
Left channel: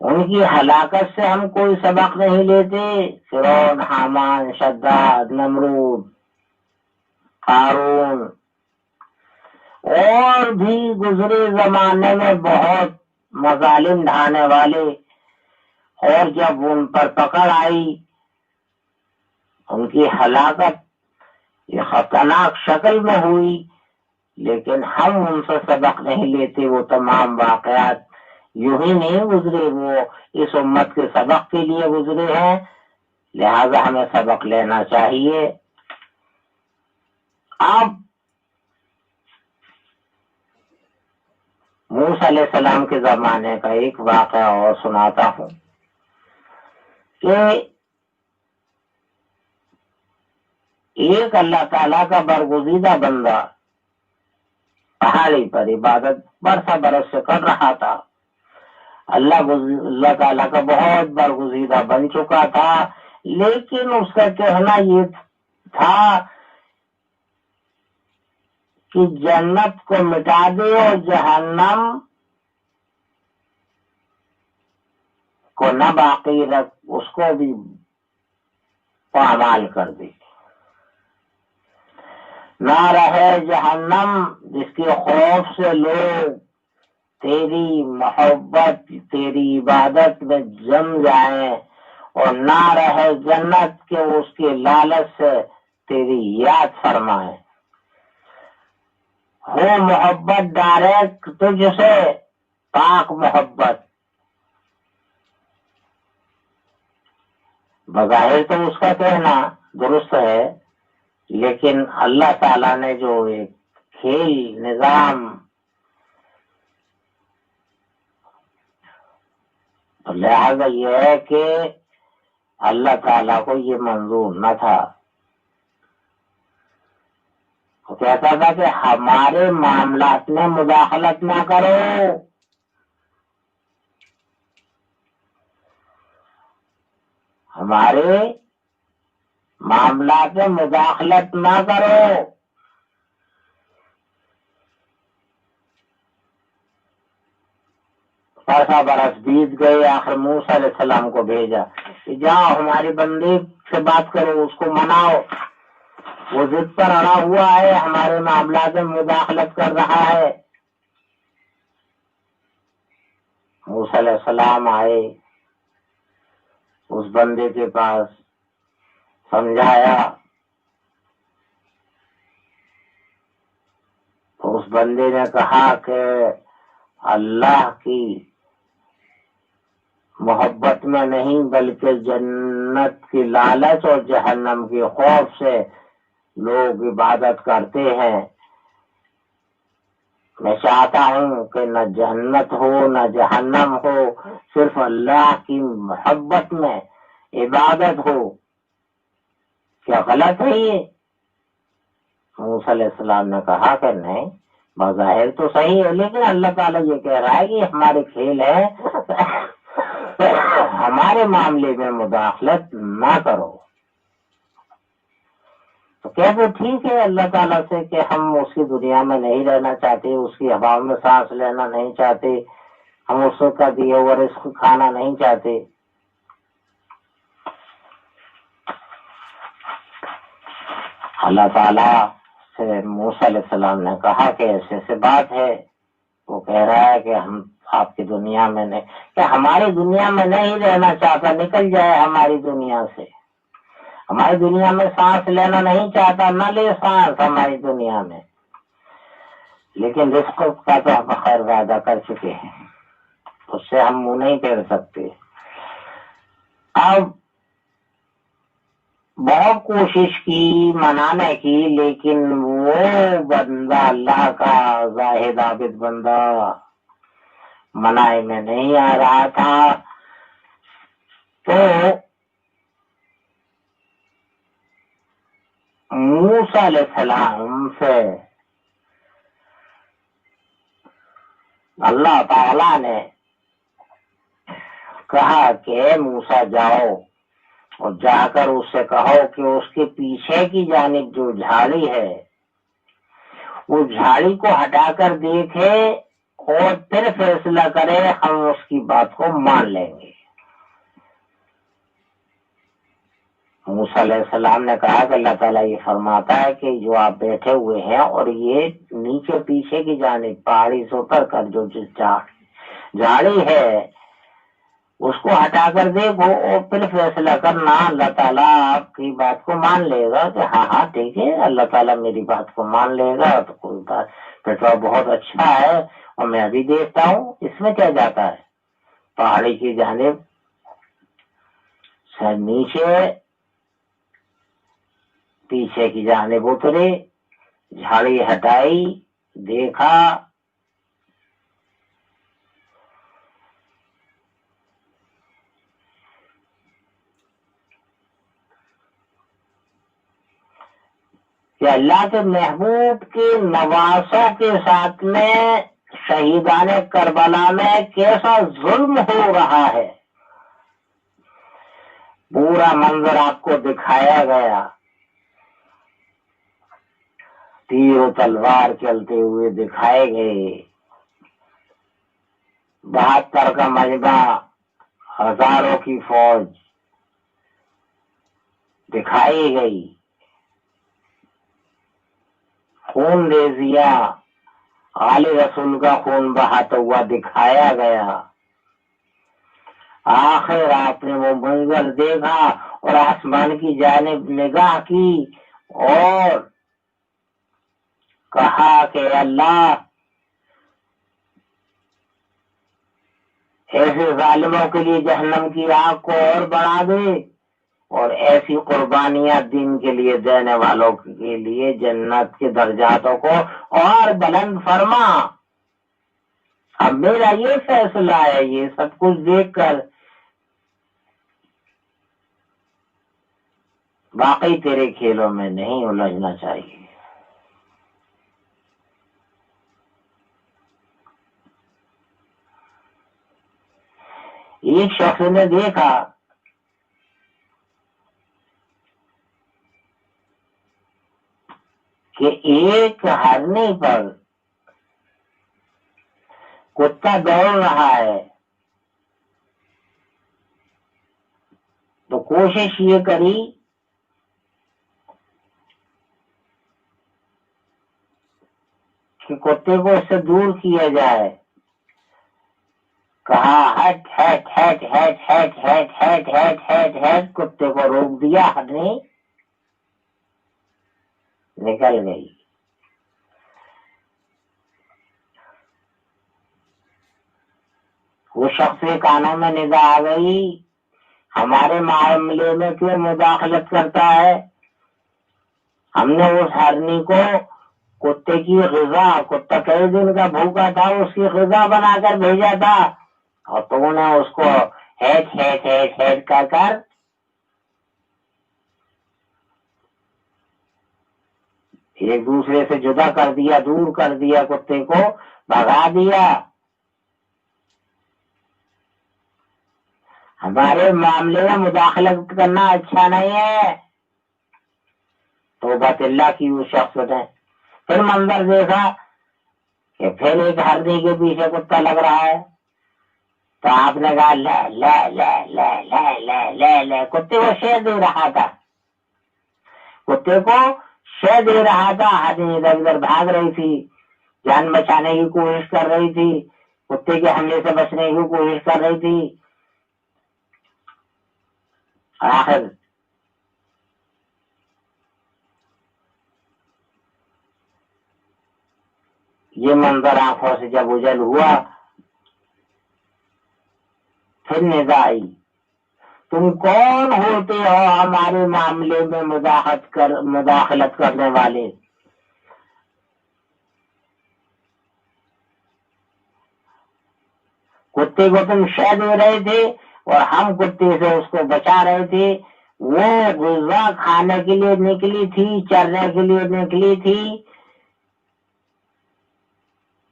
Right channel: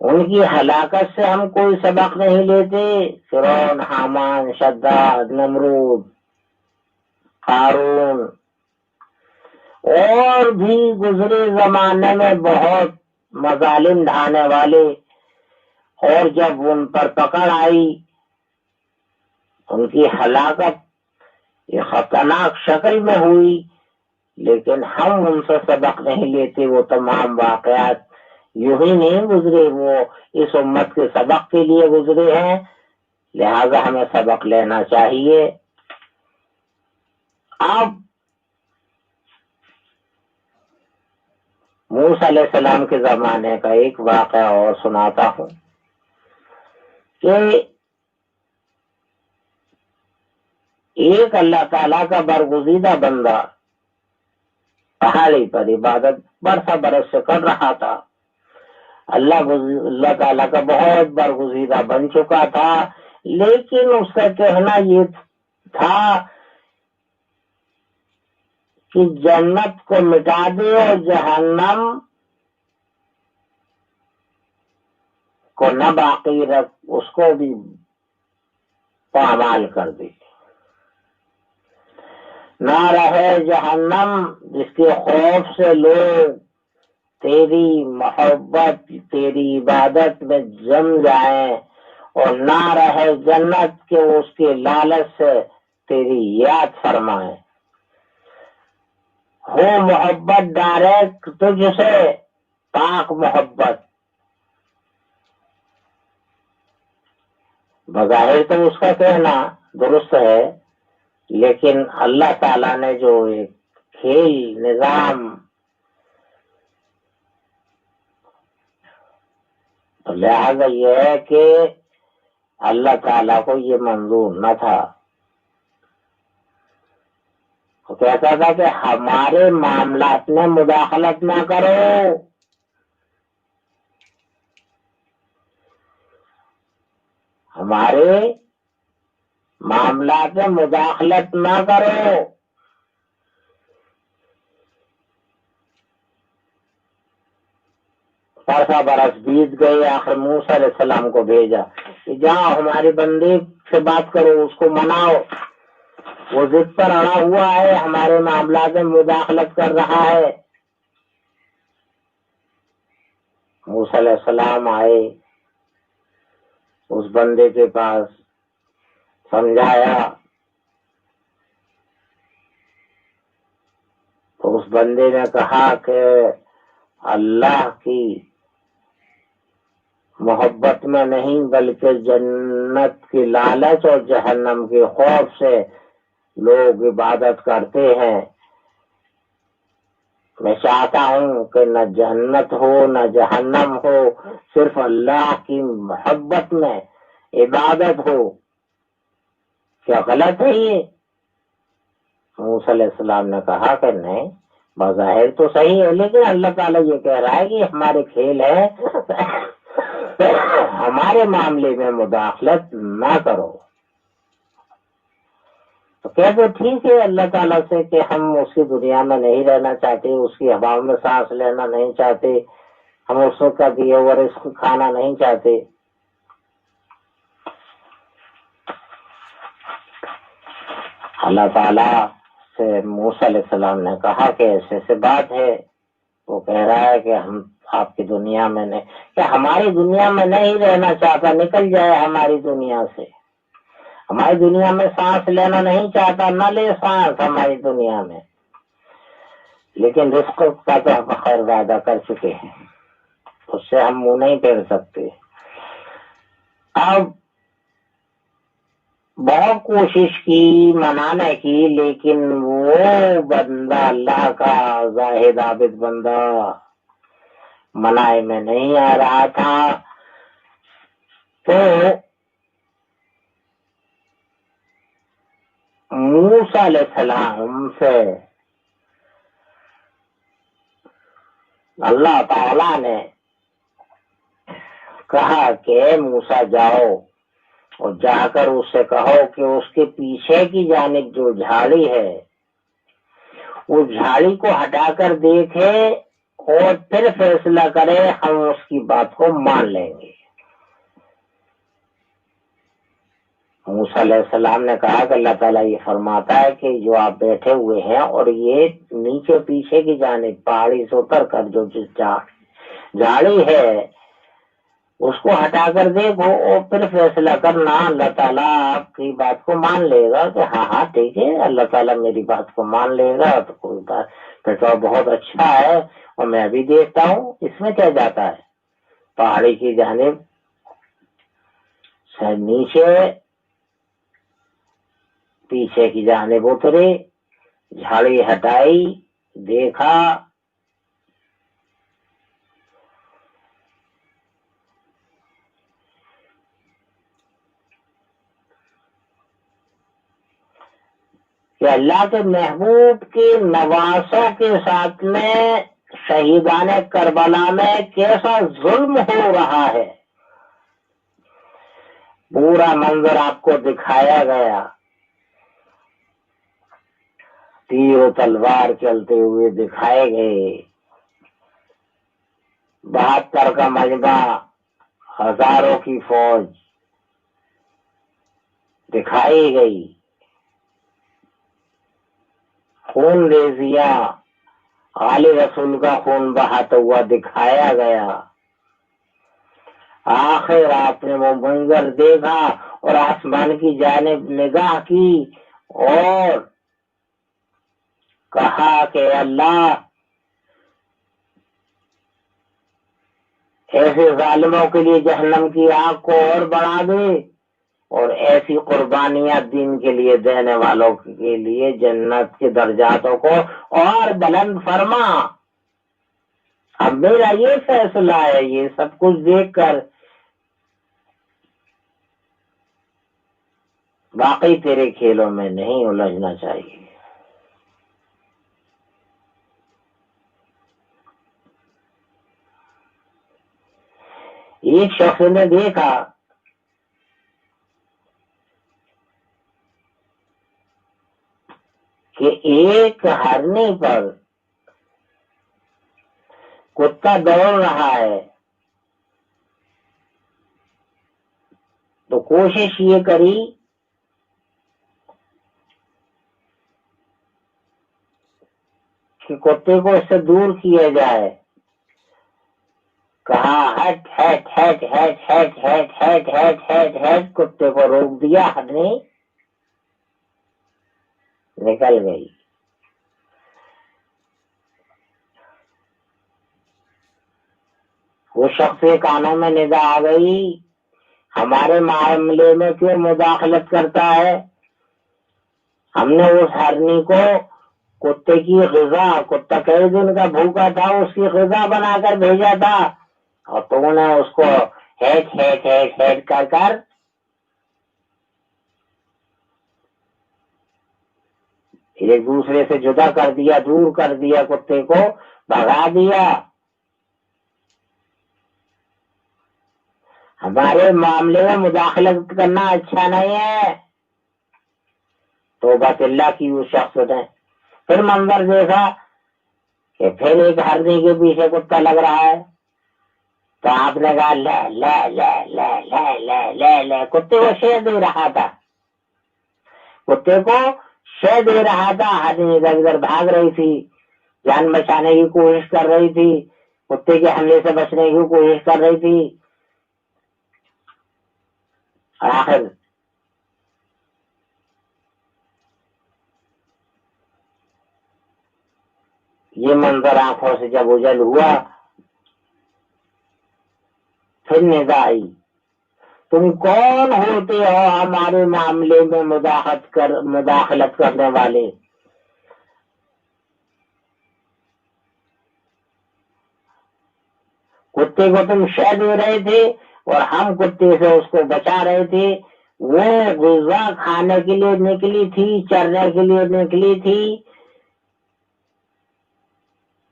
ان کی ہلاکت سے ہم کوئی سبق نہیں لیتے۔ فرعون، حامان، شداد، نمرود، قارون اور بھی گزرے زمانے میں بہت مظالم ڈھانے والے، اور جب ان پر پکڑ آئی ان کی ہلاکت یہ خطرناک شکل میں ہوئی، لیکن ہم ان سے سبق نہیں لیتے۔ وہ تمام واقعات یوں ہی نہیں گزرے، وہ اس امت کے سبق کے لیے گزرے ہیں، لہذا ہمیں سبق لینا چاہیے۔ اب موسیٰ علیہ السلام کے زمانے کا ایک واقعہ اور سناتا ہوں کہ ایک اللہ تعالیٰ کا برگزیدہ بندہ پہاڑی پر عبادت برسا برس سے کر رہا تھا۔ اللہ تعالیٰ کا بہت برگزیدہ بن چکا تھا، لیکن اس کا کہنا یہ تھا کہ جنت کو مٹا دے اور جہنم کو نہ باقی رکھ، اس کو بھی پامال کر دے، نہ رہے جہنم جس کے خوف سے لوگ تیری محبت تیری عبادت میں جم جائیں، اور نہ رہے جنت کے اس کے لالچ سے تیری یاد فرمائیں۔ ہو محبت ڈائریکٹ تجھ سے، پاک محبت۔ بظاہر تو اس کا کہنا درست ہے، لیکن اللہ تعالیٰ نے جو ایک کھیل نظام، لہذا یہ ہے کہ اللہ تعالیٰ کو یہ منظور نہ تھا۔ وہ کہتا تھا کہ ہمارے معاملات میں مداخلت نہ کرو، ہمارے معاملات میں مداخلت نہ کرو۔ برسا برس بیت گئے، آخر موسیٰ علیہ السلام کو بھیجا کہ جاؤ ہماری بندی سے بات کرو، اس کو مناؤ، وہ ضد پر اڑا ہوا ہے، ہمارے معاملات میں مداخلت کر رہا ہے۔ موسیٰ علیہ السلام آئے اس بندے کے پاس، سمجھایا تو اس بندے نے کہا کہ اللہ کی محبت میں نہیں بلکہ جنت کی لالچ اور جہنم کے خوف سے لوگ عبادت کرتے ہیں۔ میں چاہتا ہوں کہ نہ جنت ہو نہ جہنم ہو، صرف اللہ کی محبت میں عبادت ہو۔ کیا غلط ہے یہ؟ موسیٰ علیہ السلام نے کہا کہ نہیں، بظاہر تو صحیح ہے، لیکن اللہ تعالیٰ یہ کہہ رہا ہے کہ ہمارے کھیل ہے، ہمارے معاملے میں مداخلت نہ کرو۔ تو کہتے ٹھیک ہے اللہ تعالیٰ سے کہ ہم اس کی دنیا میں نہیں رہنا چاہتے، اس کی ہواؤں میں سانس لینا نہیں چاہتے، ہم اس کا دیا ہوا رزق کھانا نہیں چاہتے۔ اللہ تعالیٰ سے موسیٰ علیہ السلام نے کہا کہ ایسے سے بات ہے، وہ کہہ رہا ہے کہ ہم آپ کی دنیا میں نہیں، کہ ہماری دنیا میں نہیں رہنا چاہتا، نکل جائے ہماری دنیا سے، ہماری دنیا میں سانس لینا نہیں چاہتا، نہ لے سانس ہماری دنیا میں، لیکن رزق کا تو ہم خیر وعدہ کر چکے ہیں۔ اس سے ہم منہ نہیں پھیر سکتے۔ اب بہت کوشش کی منانے کی، لیکن وہ بندہ اللہ کا زاہد عابد بندہ منائے میں نہیں آ رہا تھا۔ تو موسیٰ علیہ السلام سے اللہ تعالی نے کہا کہ موسیٰ جاؤ اور جا کر اس سے کہو کہ اس کے پیچھے کی جانب جو جھاڑی ہے وہ جھاڑی کو ہٹا کر دیکھے اور پھر فیصلہ کرے، ہم اس کی بات کو مان لیں گے۔ موسیٰ علیہ السلام نے کہا کہ اللہ تعالیٰ یہ فرماتا ہے کہ جو آپ بیٹھے ہوئے ہیں اور یہ نیچے پیچھے کی جانب پہاڑی سے اتر کر جو جھاڑی ہے اس کو ہٹا کر دیکھو اور پھر فیصلہ کرنا، اللہ تعالیٰ آپ کی بات کو مان لے گا کہ ہاں ہاں ٹھیک ہے، اللہ تعالیٰ میری بات کو مان لے گا تو کوئی بات، پھر تو بہت اچھا ہے، اور میں ابھی دیکھتا ہوں اس میں کیا جاتا ہے۔ پہاڑی کی جانب سے نیچے پیچھے کی جانب اترے، جھاڑی ہٹائی، دیکھا کہ اللہ کے محبوب کے نواسوں کے ساتھ میں شہیدان کربلا میں کیسا ظلم ہو رہا ہے، پورا منظر آپ کو دکھایا گیا، تیر و تلوار چلتے ہوئے دکھائے گئے، 72 کا مجمع، ہزاروں کی فوج دکھائی گئی، خون ریزیاں، عالی رسول کا خون بہاتا ہوا دکھایا گیا۔ آخر آپ نے وہ منظر دیکھا اور آسمان کی جانب نگاہ کی اور کہا کہ اللہ ایسے ظالموں کے لیے جہنم کی آگ کو اور بڑھا دے، اور ایسی قربانیاں دین کے لیے دینے والوں کے لیے جنت کے درجاتوں کو اور بلند فرما۔ اب میرا یہ فیصلہ ہے، یہ سب کچھ دیکھ کر واقعی تیرے کھیلوں میں نہیں الجھنا چاہیے۔ ایک شخص نے دیکھا کہ ایک ہرنی پر کتا دوڑ رہا ہے، تو کوشش یہ کری کہ کتے کو اس سے دور کیا جائے، کہا ہٹ ہٹ ہٹ ہٹ ہٹ ہٹ ہٹ ہٹ ہٹ ہٹ، کتے کو روک دیا، ہرنی نکل گئی۔ وہ شخص کے کانوں میں نگاہ آ گئی، ہمارے معاملے میں کیوں مداخلت کرتا ہے؟ ہم نے اس ہرنی کو کتے کی غذا، کتا کئی دن کا بھوکا تھا، اس کی غذا بنا کر بھیجا تھا، اور تو نے اس کو ہیٹ ہیٹ ہیٹ ہیٹ کر کر ایک دوسرے سے جدا کر دیا، دور کر دیا، کتے کو بھگا دیا۔ ہمارے معاملے میں مداخلت کرنا اچھا نہیں ہے۔ توبہ اللہ کی اس شخص نے پھر منظر دیکھا کہ پھر ایک ہرنی کے پیچھے کتا لگ رہا ہے، تو آپ نے کہا لے لے لے لے لے لے لے لے، کتے کو شے دے رہا تھا، کتے کو شے دے رہا تھا، ہرنی ادھر ادھر بھاگ رہی تھی، جان بچانے کی کوشش کر رہی تھی، کتے کے حملے سے بچنے کی کوشش کر رہی تھی، اور آخر یہ منظر آنکھوں سے جب اجل ہوا پھر ندا آئی، تم کون ہوتے ہو ہمارے معاملے میں مداخلت کرنے والے؟ کتے کو تم شہ دے رہے تھے اور ہم کتے سے اس کو بچا رہے تھے، وہ غذا کھانے کے لیے نکلی تھی، چرنے کے لیے نکلی تھی،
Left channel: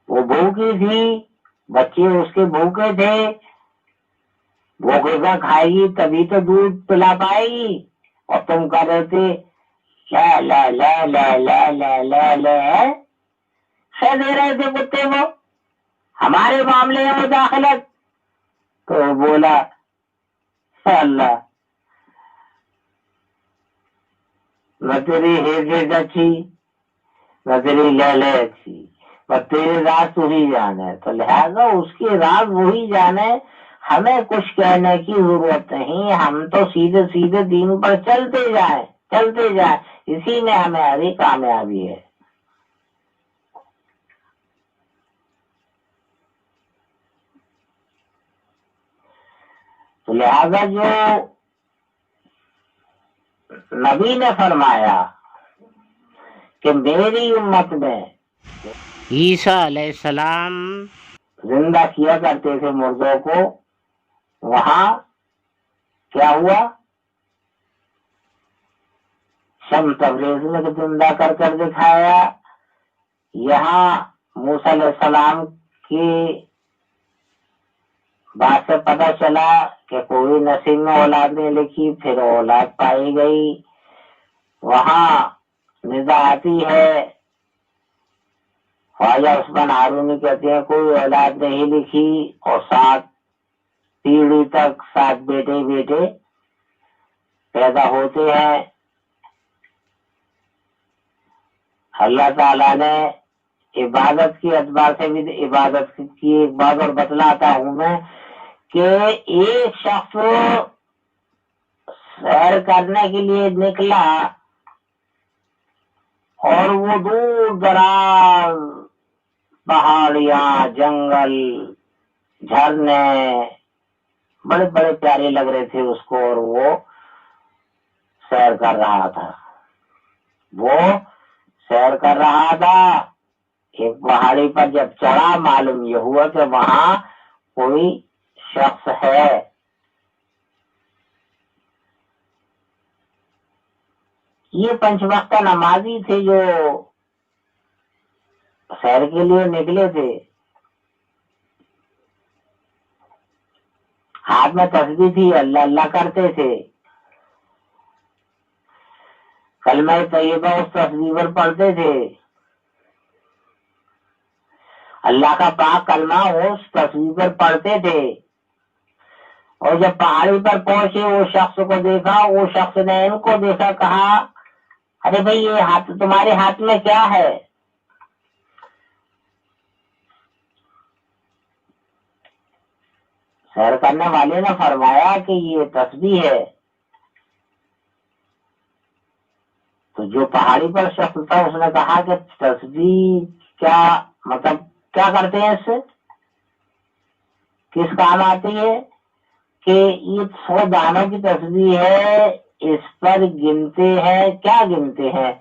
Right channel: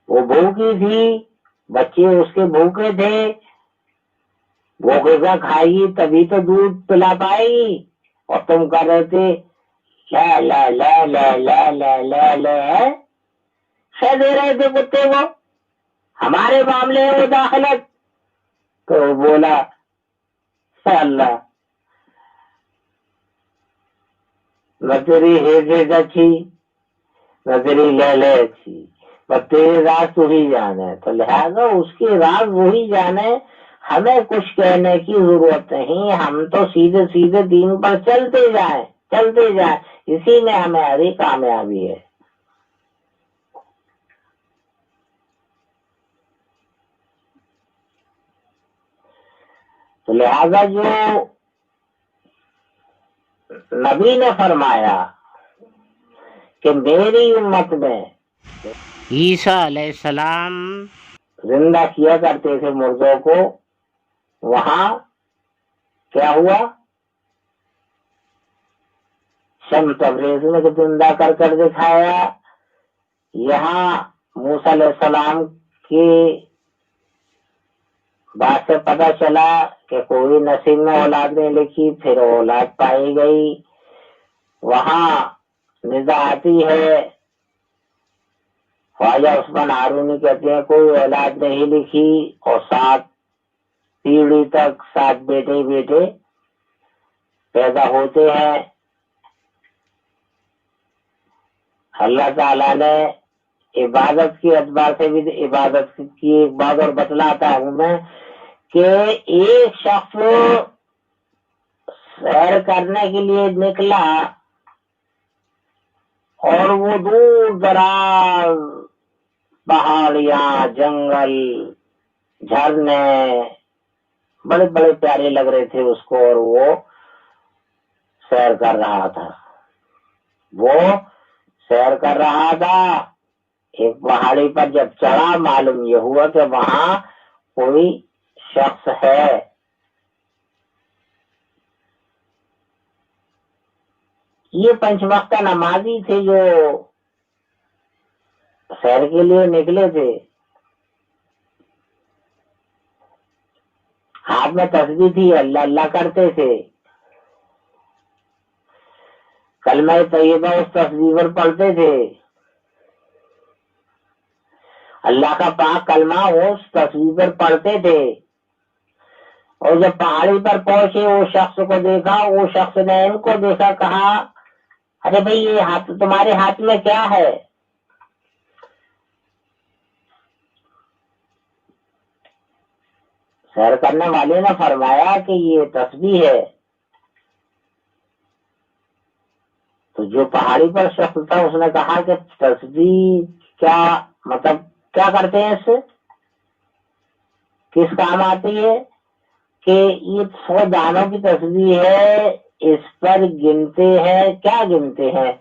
وہ بھوکی تھی، بچے اس کے بھوکے تھے، وہ غذا کھائے گی تبھی تو دودھ پلا پائے گی، اور تم کر رہے تھے لا لا لا لا لا لا لا لا، شہ دے رہے تھے کتے کو ہمارے معاملے میں مداخلت۔ تو بولا اللہ نہ تیری حیثیت اچھی نہ تیری لہلے اچھی، بس تیرے راز تو ہی جانے، تو لہذا اس کے راز وہی جانے، ہمیں کچھ کہنے کی ضرورت نہیں، ہم تو سیدھے سیدھے دین پر چلتے جائیں، اسی میں ہماری کامیابی ہے۔ تو لہذا جو نبی نے فرمایا کہ میری امت میں عیسیٰ علیہ السلام زندہ کیا کرتے تھے مردوں کو، وہاں کیا ہوا؟ شمس تبریز نے زندہ کر کر دکھایا، یہاں موسیٰ علیہ السلام کی بات سے پتہ چلا کہ کوئی نصیب میں اولاد نہیں لکھی، پھر اولاد پائی گئی، وہاں ندا آتی ہے، خواجہ عثمان ہارونی کہتے ہیں کوئی اولاد نہیں لکھی، اور 7 پیڑھی تک 7 بیٹے پیدا ہوتے ہیں۔ اللہ تعالیٰ نے عبادت کے اعتبار سے بھی عبادت کی ایک بات اور بتلاتا ہوں میں کہ ایک شخص سیر کرنے کے لیے نکلا اور وہ دور دراز پہاڑیاں، جنگل، جھرنے بڑے بڑے پیارے لگ رہے تھے اس کو، اور وہ سیر کر رہا تھا، ایک پہاڑی پر جب چڑھا معلوم یہ ہوا کہ وہاں کوئی شخص ہے، یہ 5 وقتہ نمازی تھے جو سیر کے لیے نکلے تھے، ہاتھ میں تسبیح تھی، اللہ اللہ کرتے تھے، کلمہ طیبہ اس تسبیح پر پڑھتے تھے، اللہ کا پاک کلمہ اس تسبیح پر پڑھتے تھے، اور جب پہاڑی پر پہنچے وہ شخص کو دیکھا، وہ شخص نے ان کو دیکھا، کہا ارے بھائی یہ تمہارے ہاتھ میں کیا ہے؟ سیر کرنے والے نے فرمایا کہ یہ تسبیح ہے۔ تو جو پہاڑی پر شخص تھا اس نے کہا کہ تسبیح کیا مطلب کیا کرتے ہیں، اس سے کس کام آتی ہے؟ کہ یہ 100 دانوں کی تسبیح ہے، اس پر گنتے ہیں، کیا گنتے ہیں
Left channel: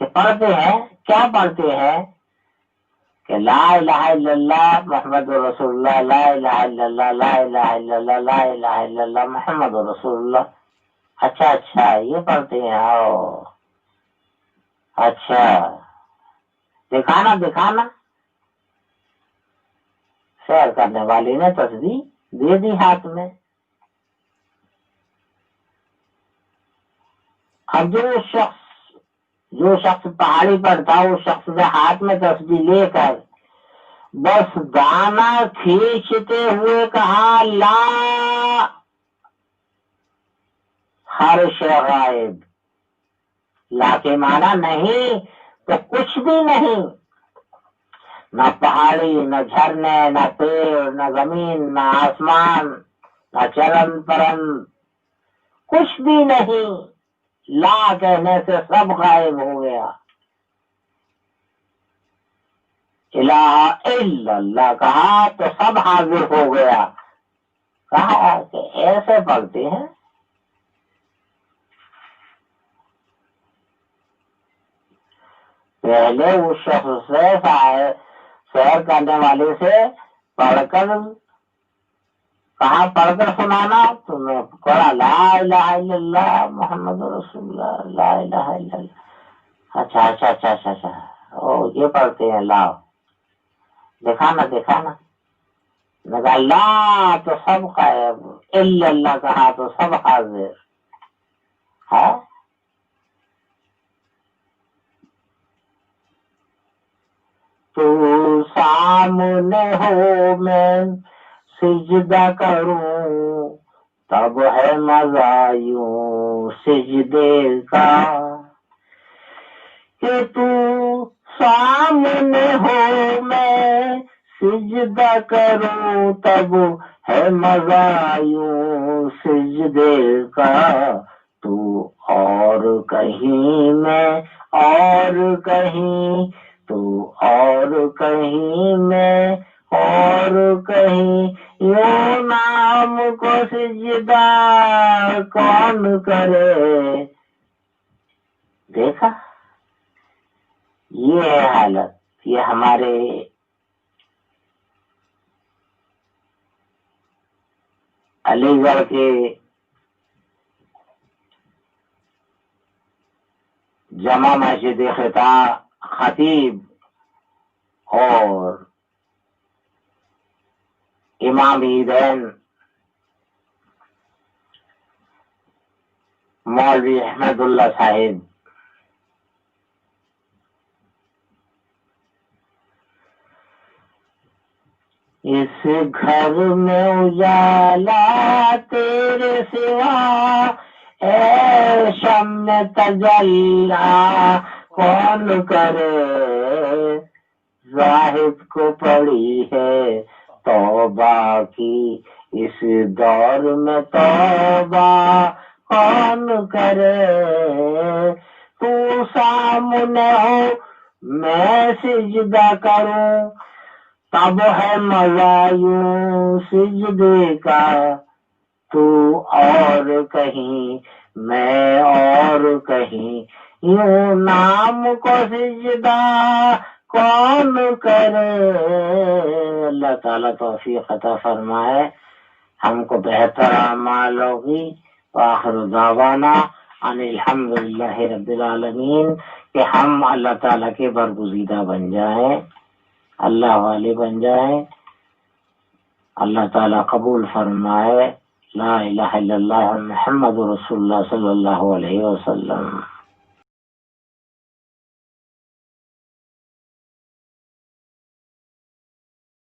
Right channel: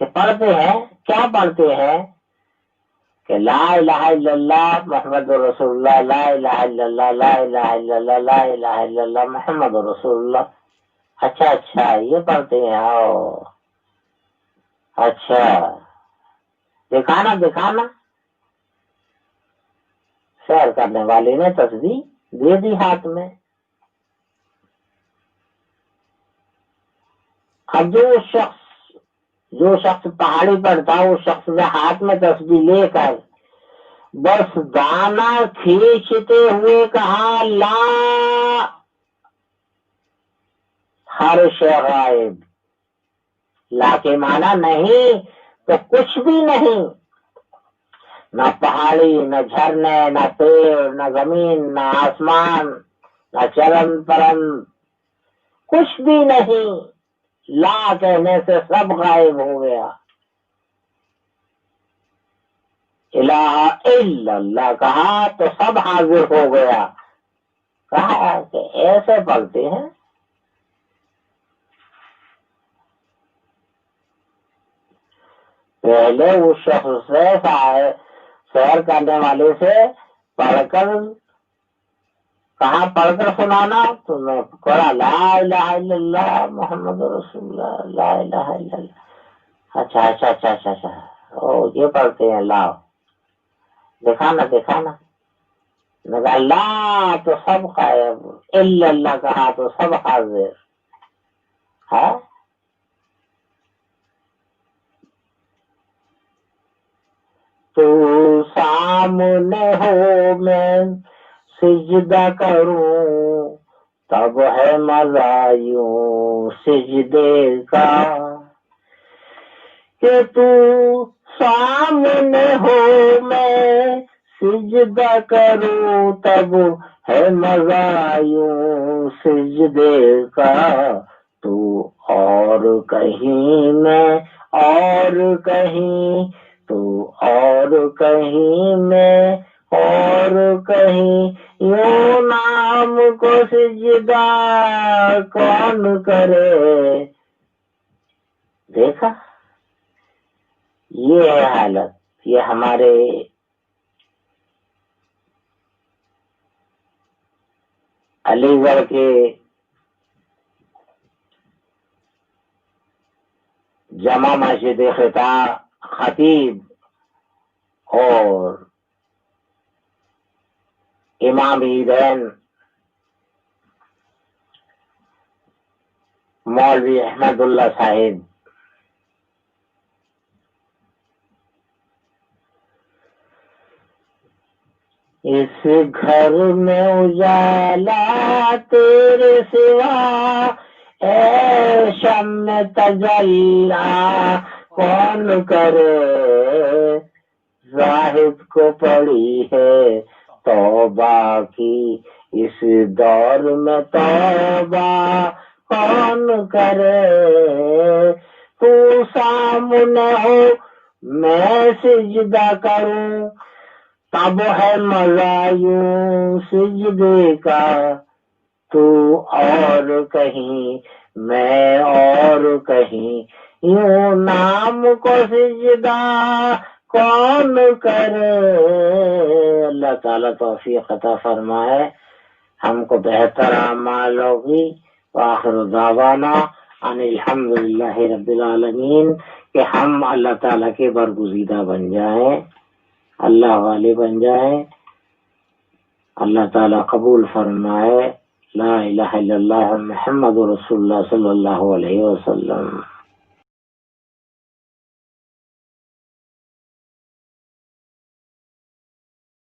کہ پڑھتے ہیں، کیا پڑھتے ہیں کہ لا الہ الا اللہ محمد رسول اللہ، لا الہ الا اللہ، لا الہ الا اللہ، لا الہ الا اللہ محمد رسول اللہ۔ اچھا یہ پڑھتے ہیں، اچھا دکھانا، سیر کرنے والی نے تسبیح دے دی ہاتھ میں۔ اب جو شخص پہاڑی پر تھا، اس شخص نے ہاتھ میں تسبیح لے کر بس دانا کھینچتے ہوئے کہا لا، ہر شے غائب، لا کے معنی نہیں تو کچھ بھی نہیں، نہ پہاڑی، نہ جھرنے، نہ پیڑ، نہ زمین، نہ آسمان، نہ چرن پرن، کچھ بھی نہیں، لا کہنے سے سب غائب ہو گیا، الہ الا اللہ کہا تو سب حاضر ہو گیا، کہا کہ ایسے پڑھتے ہیں. پہلے اس شخص سے سیر کرنے والے سے پڑھ کر کہاں پڑھ کر سنانا تو میں پڑھا لا الہ الا اللہ محمد رسول اللہ لا الہ الا اللہ. اچھا اچھا اچھا اچھا اچھا او یہ پڑھتے ہیں. لاؤ دکھانا دکھانا. لگا لا تو سب غائب، الا اللہ کہا تو سب حاضر ہے. تو سامنے ہو میں سجدہ کروں تب ہے مزہ یوں سجدے کا. کہ تو سامنے ہو میں سجدہ کروں تب ہے مزہ یوں سجدے کا. تو اور کہیں میں اور کہیں تو اور کہیں میں اور کہیں یوں نام کو سجدہ کون کرے. دیکھا یہ ہے حالت. یہ ہمارے علی گڑھ کے جامع مسجد خطیب اور امام عیدین مولوی احمد اللہ صاحب اس گھر میں اجالا تیرے سوا اے شمع تجلا کون کرے. زاہد کو پڑی ہے توبہ کی اس دور میں توبہ کون کرے. تو سامنے ہو میں سجدہ کروں تب ہے مزہ یوں سجدے کا. تو اور کہیں میں اور کہیں یوں نام کو سجدہ کون کرے. اللہ تعالیٰ توفیق عطا فرمائے ہم کو بہتر اعمال ہوگی. وآخر دعوانا ان الحمدللہ رب العالمین. کہ ہم اللہ تعالیٰ کے برگزیدہ بن جائیں، اللہ والے بن جائیں. اللہ تعالیٰ قبول فرمائے. لا الہ الا اللہ محمد رسول اللہ صلی اللہ علیہ وسلم.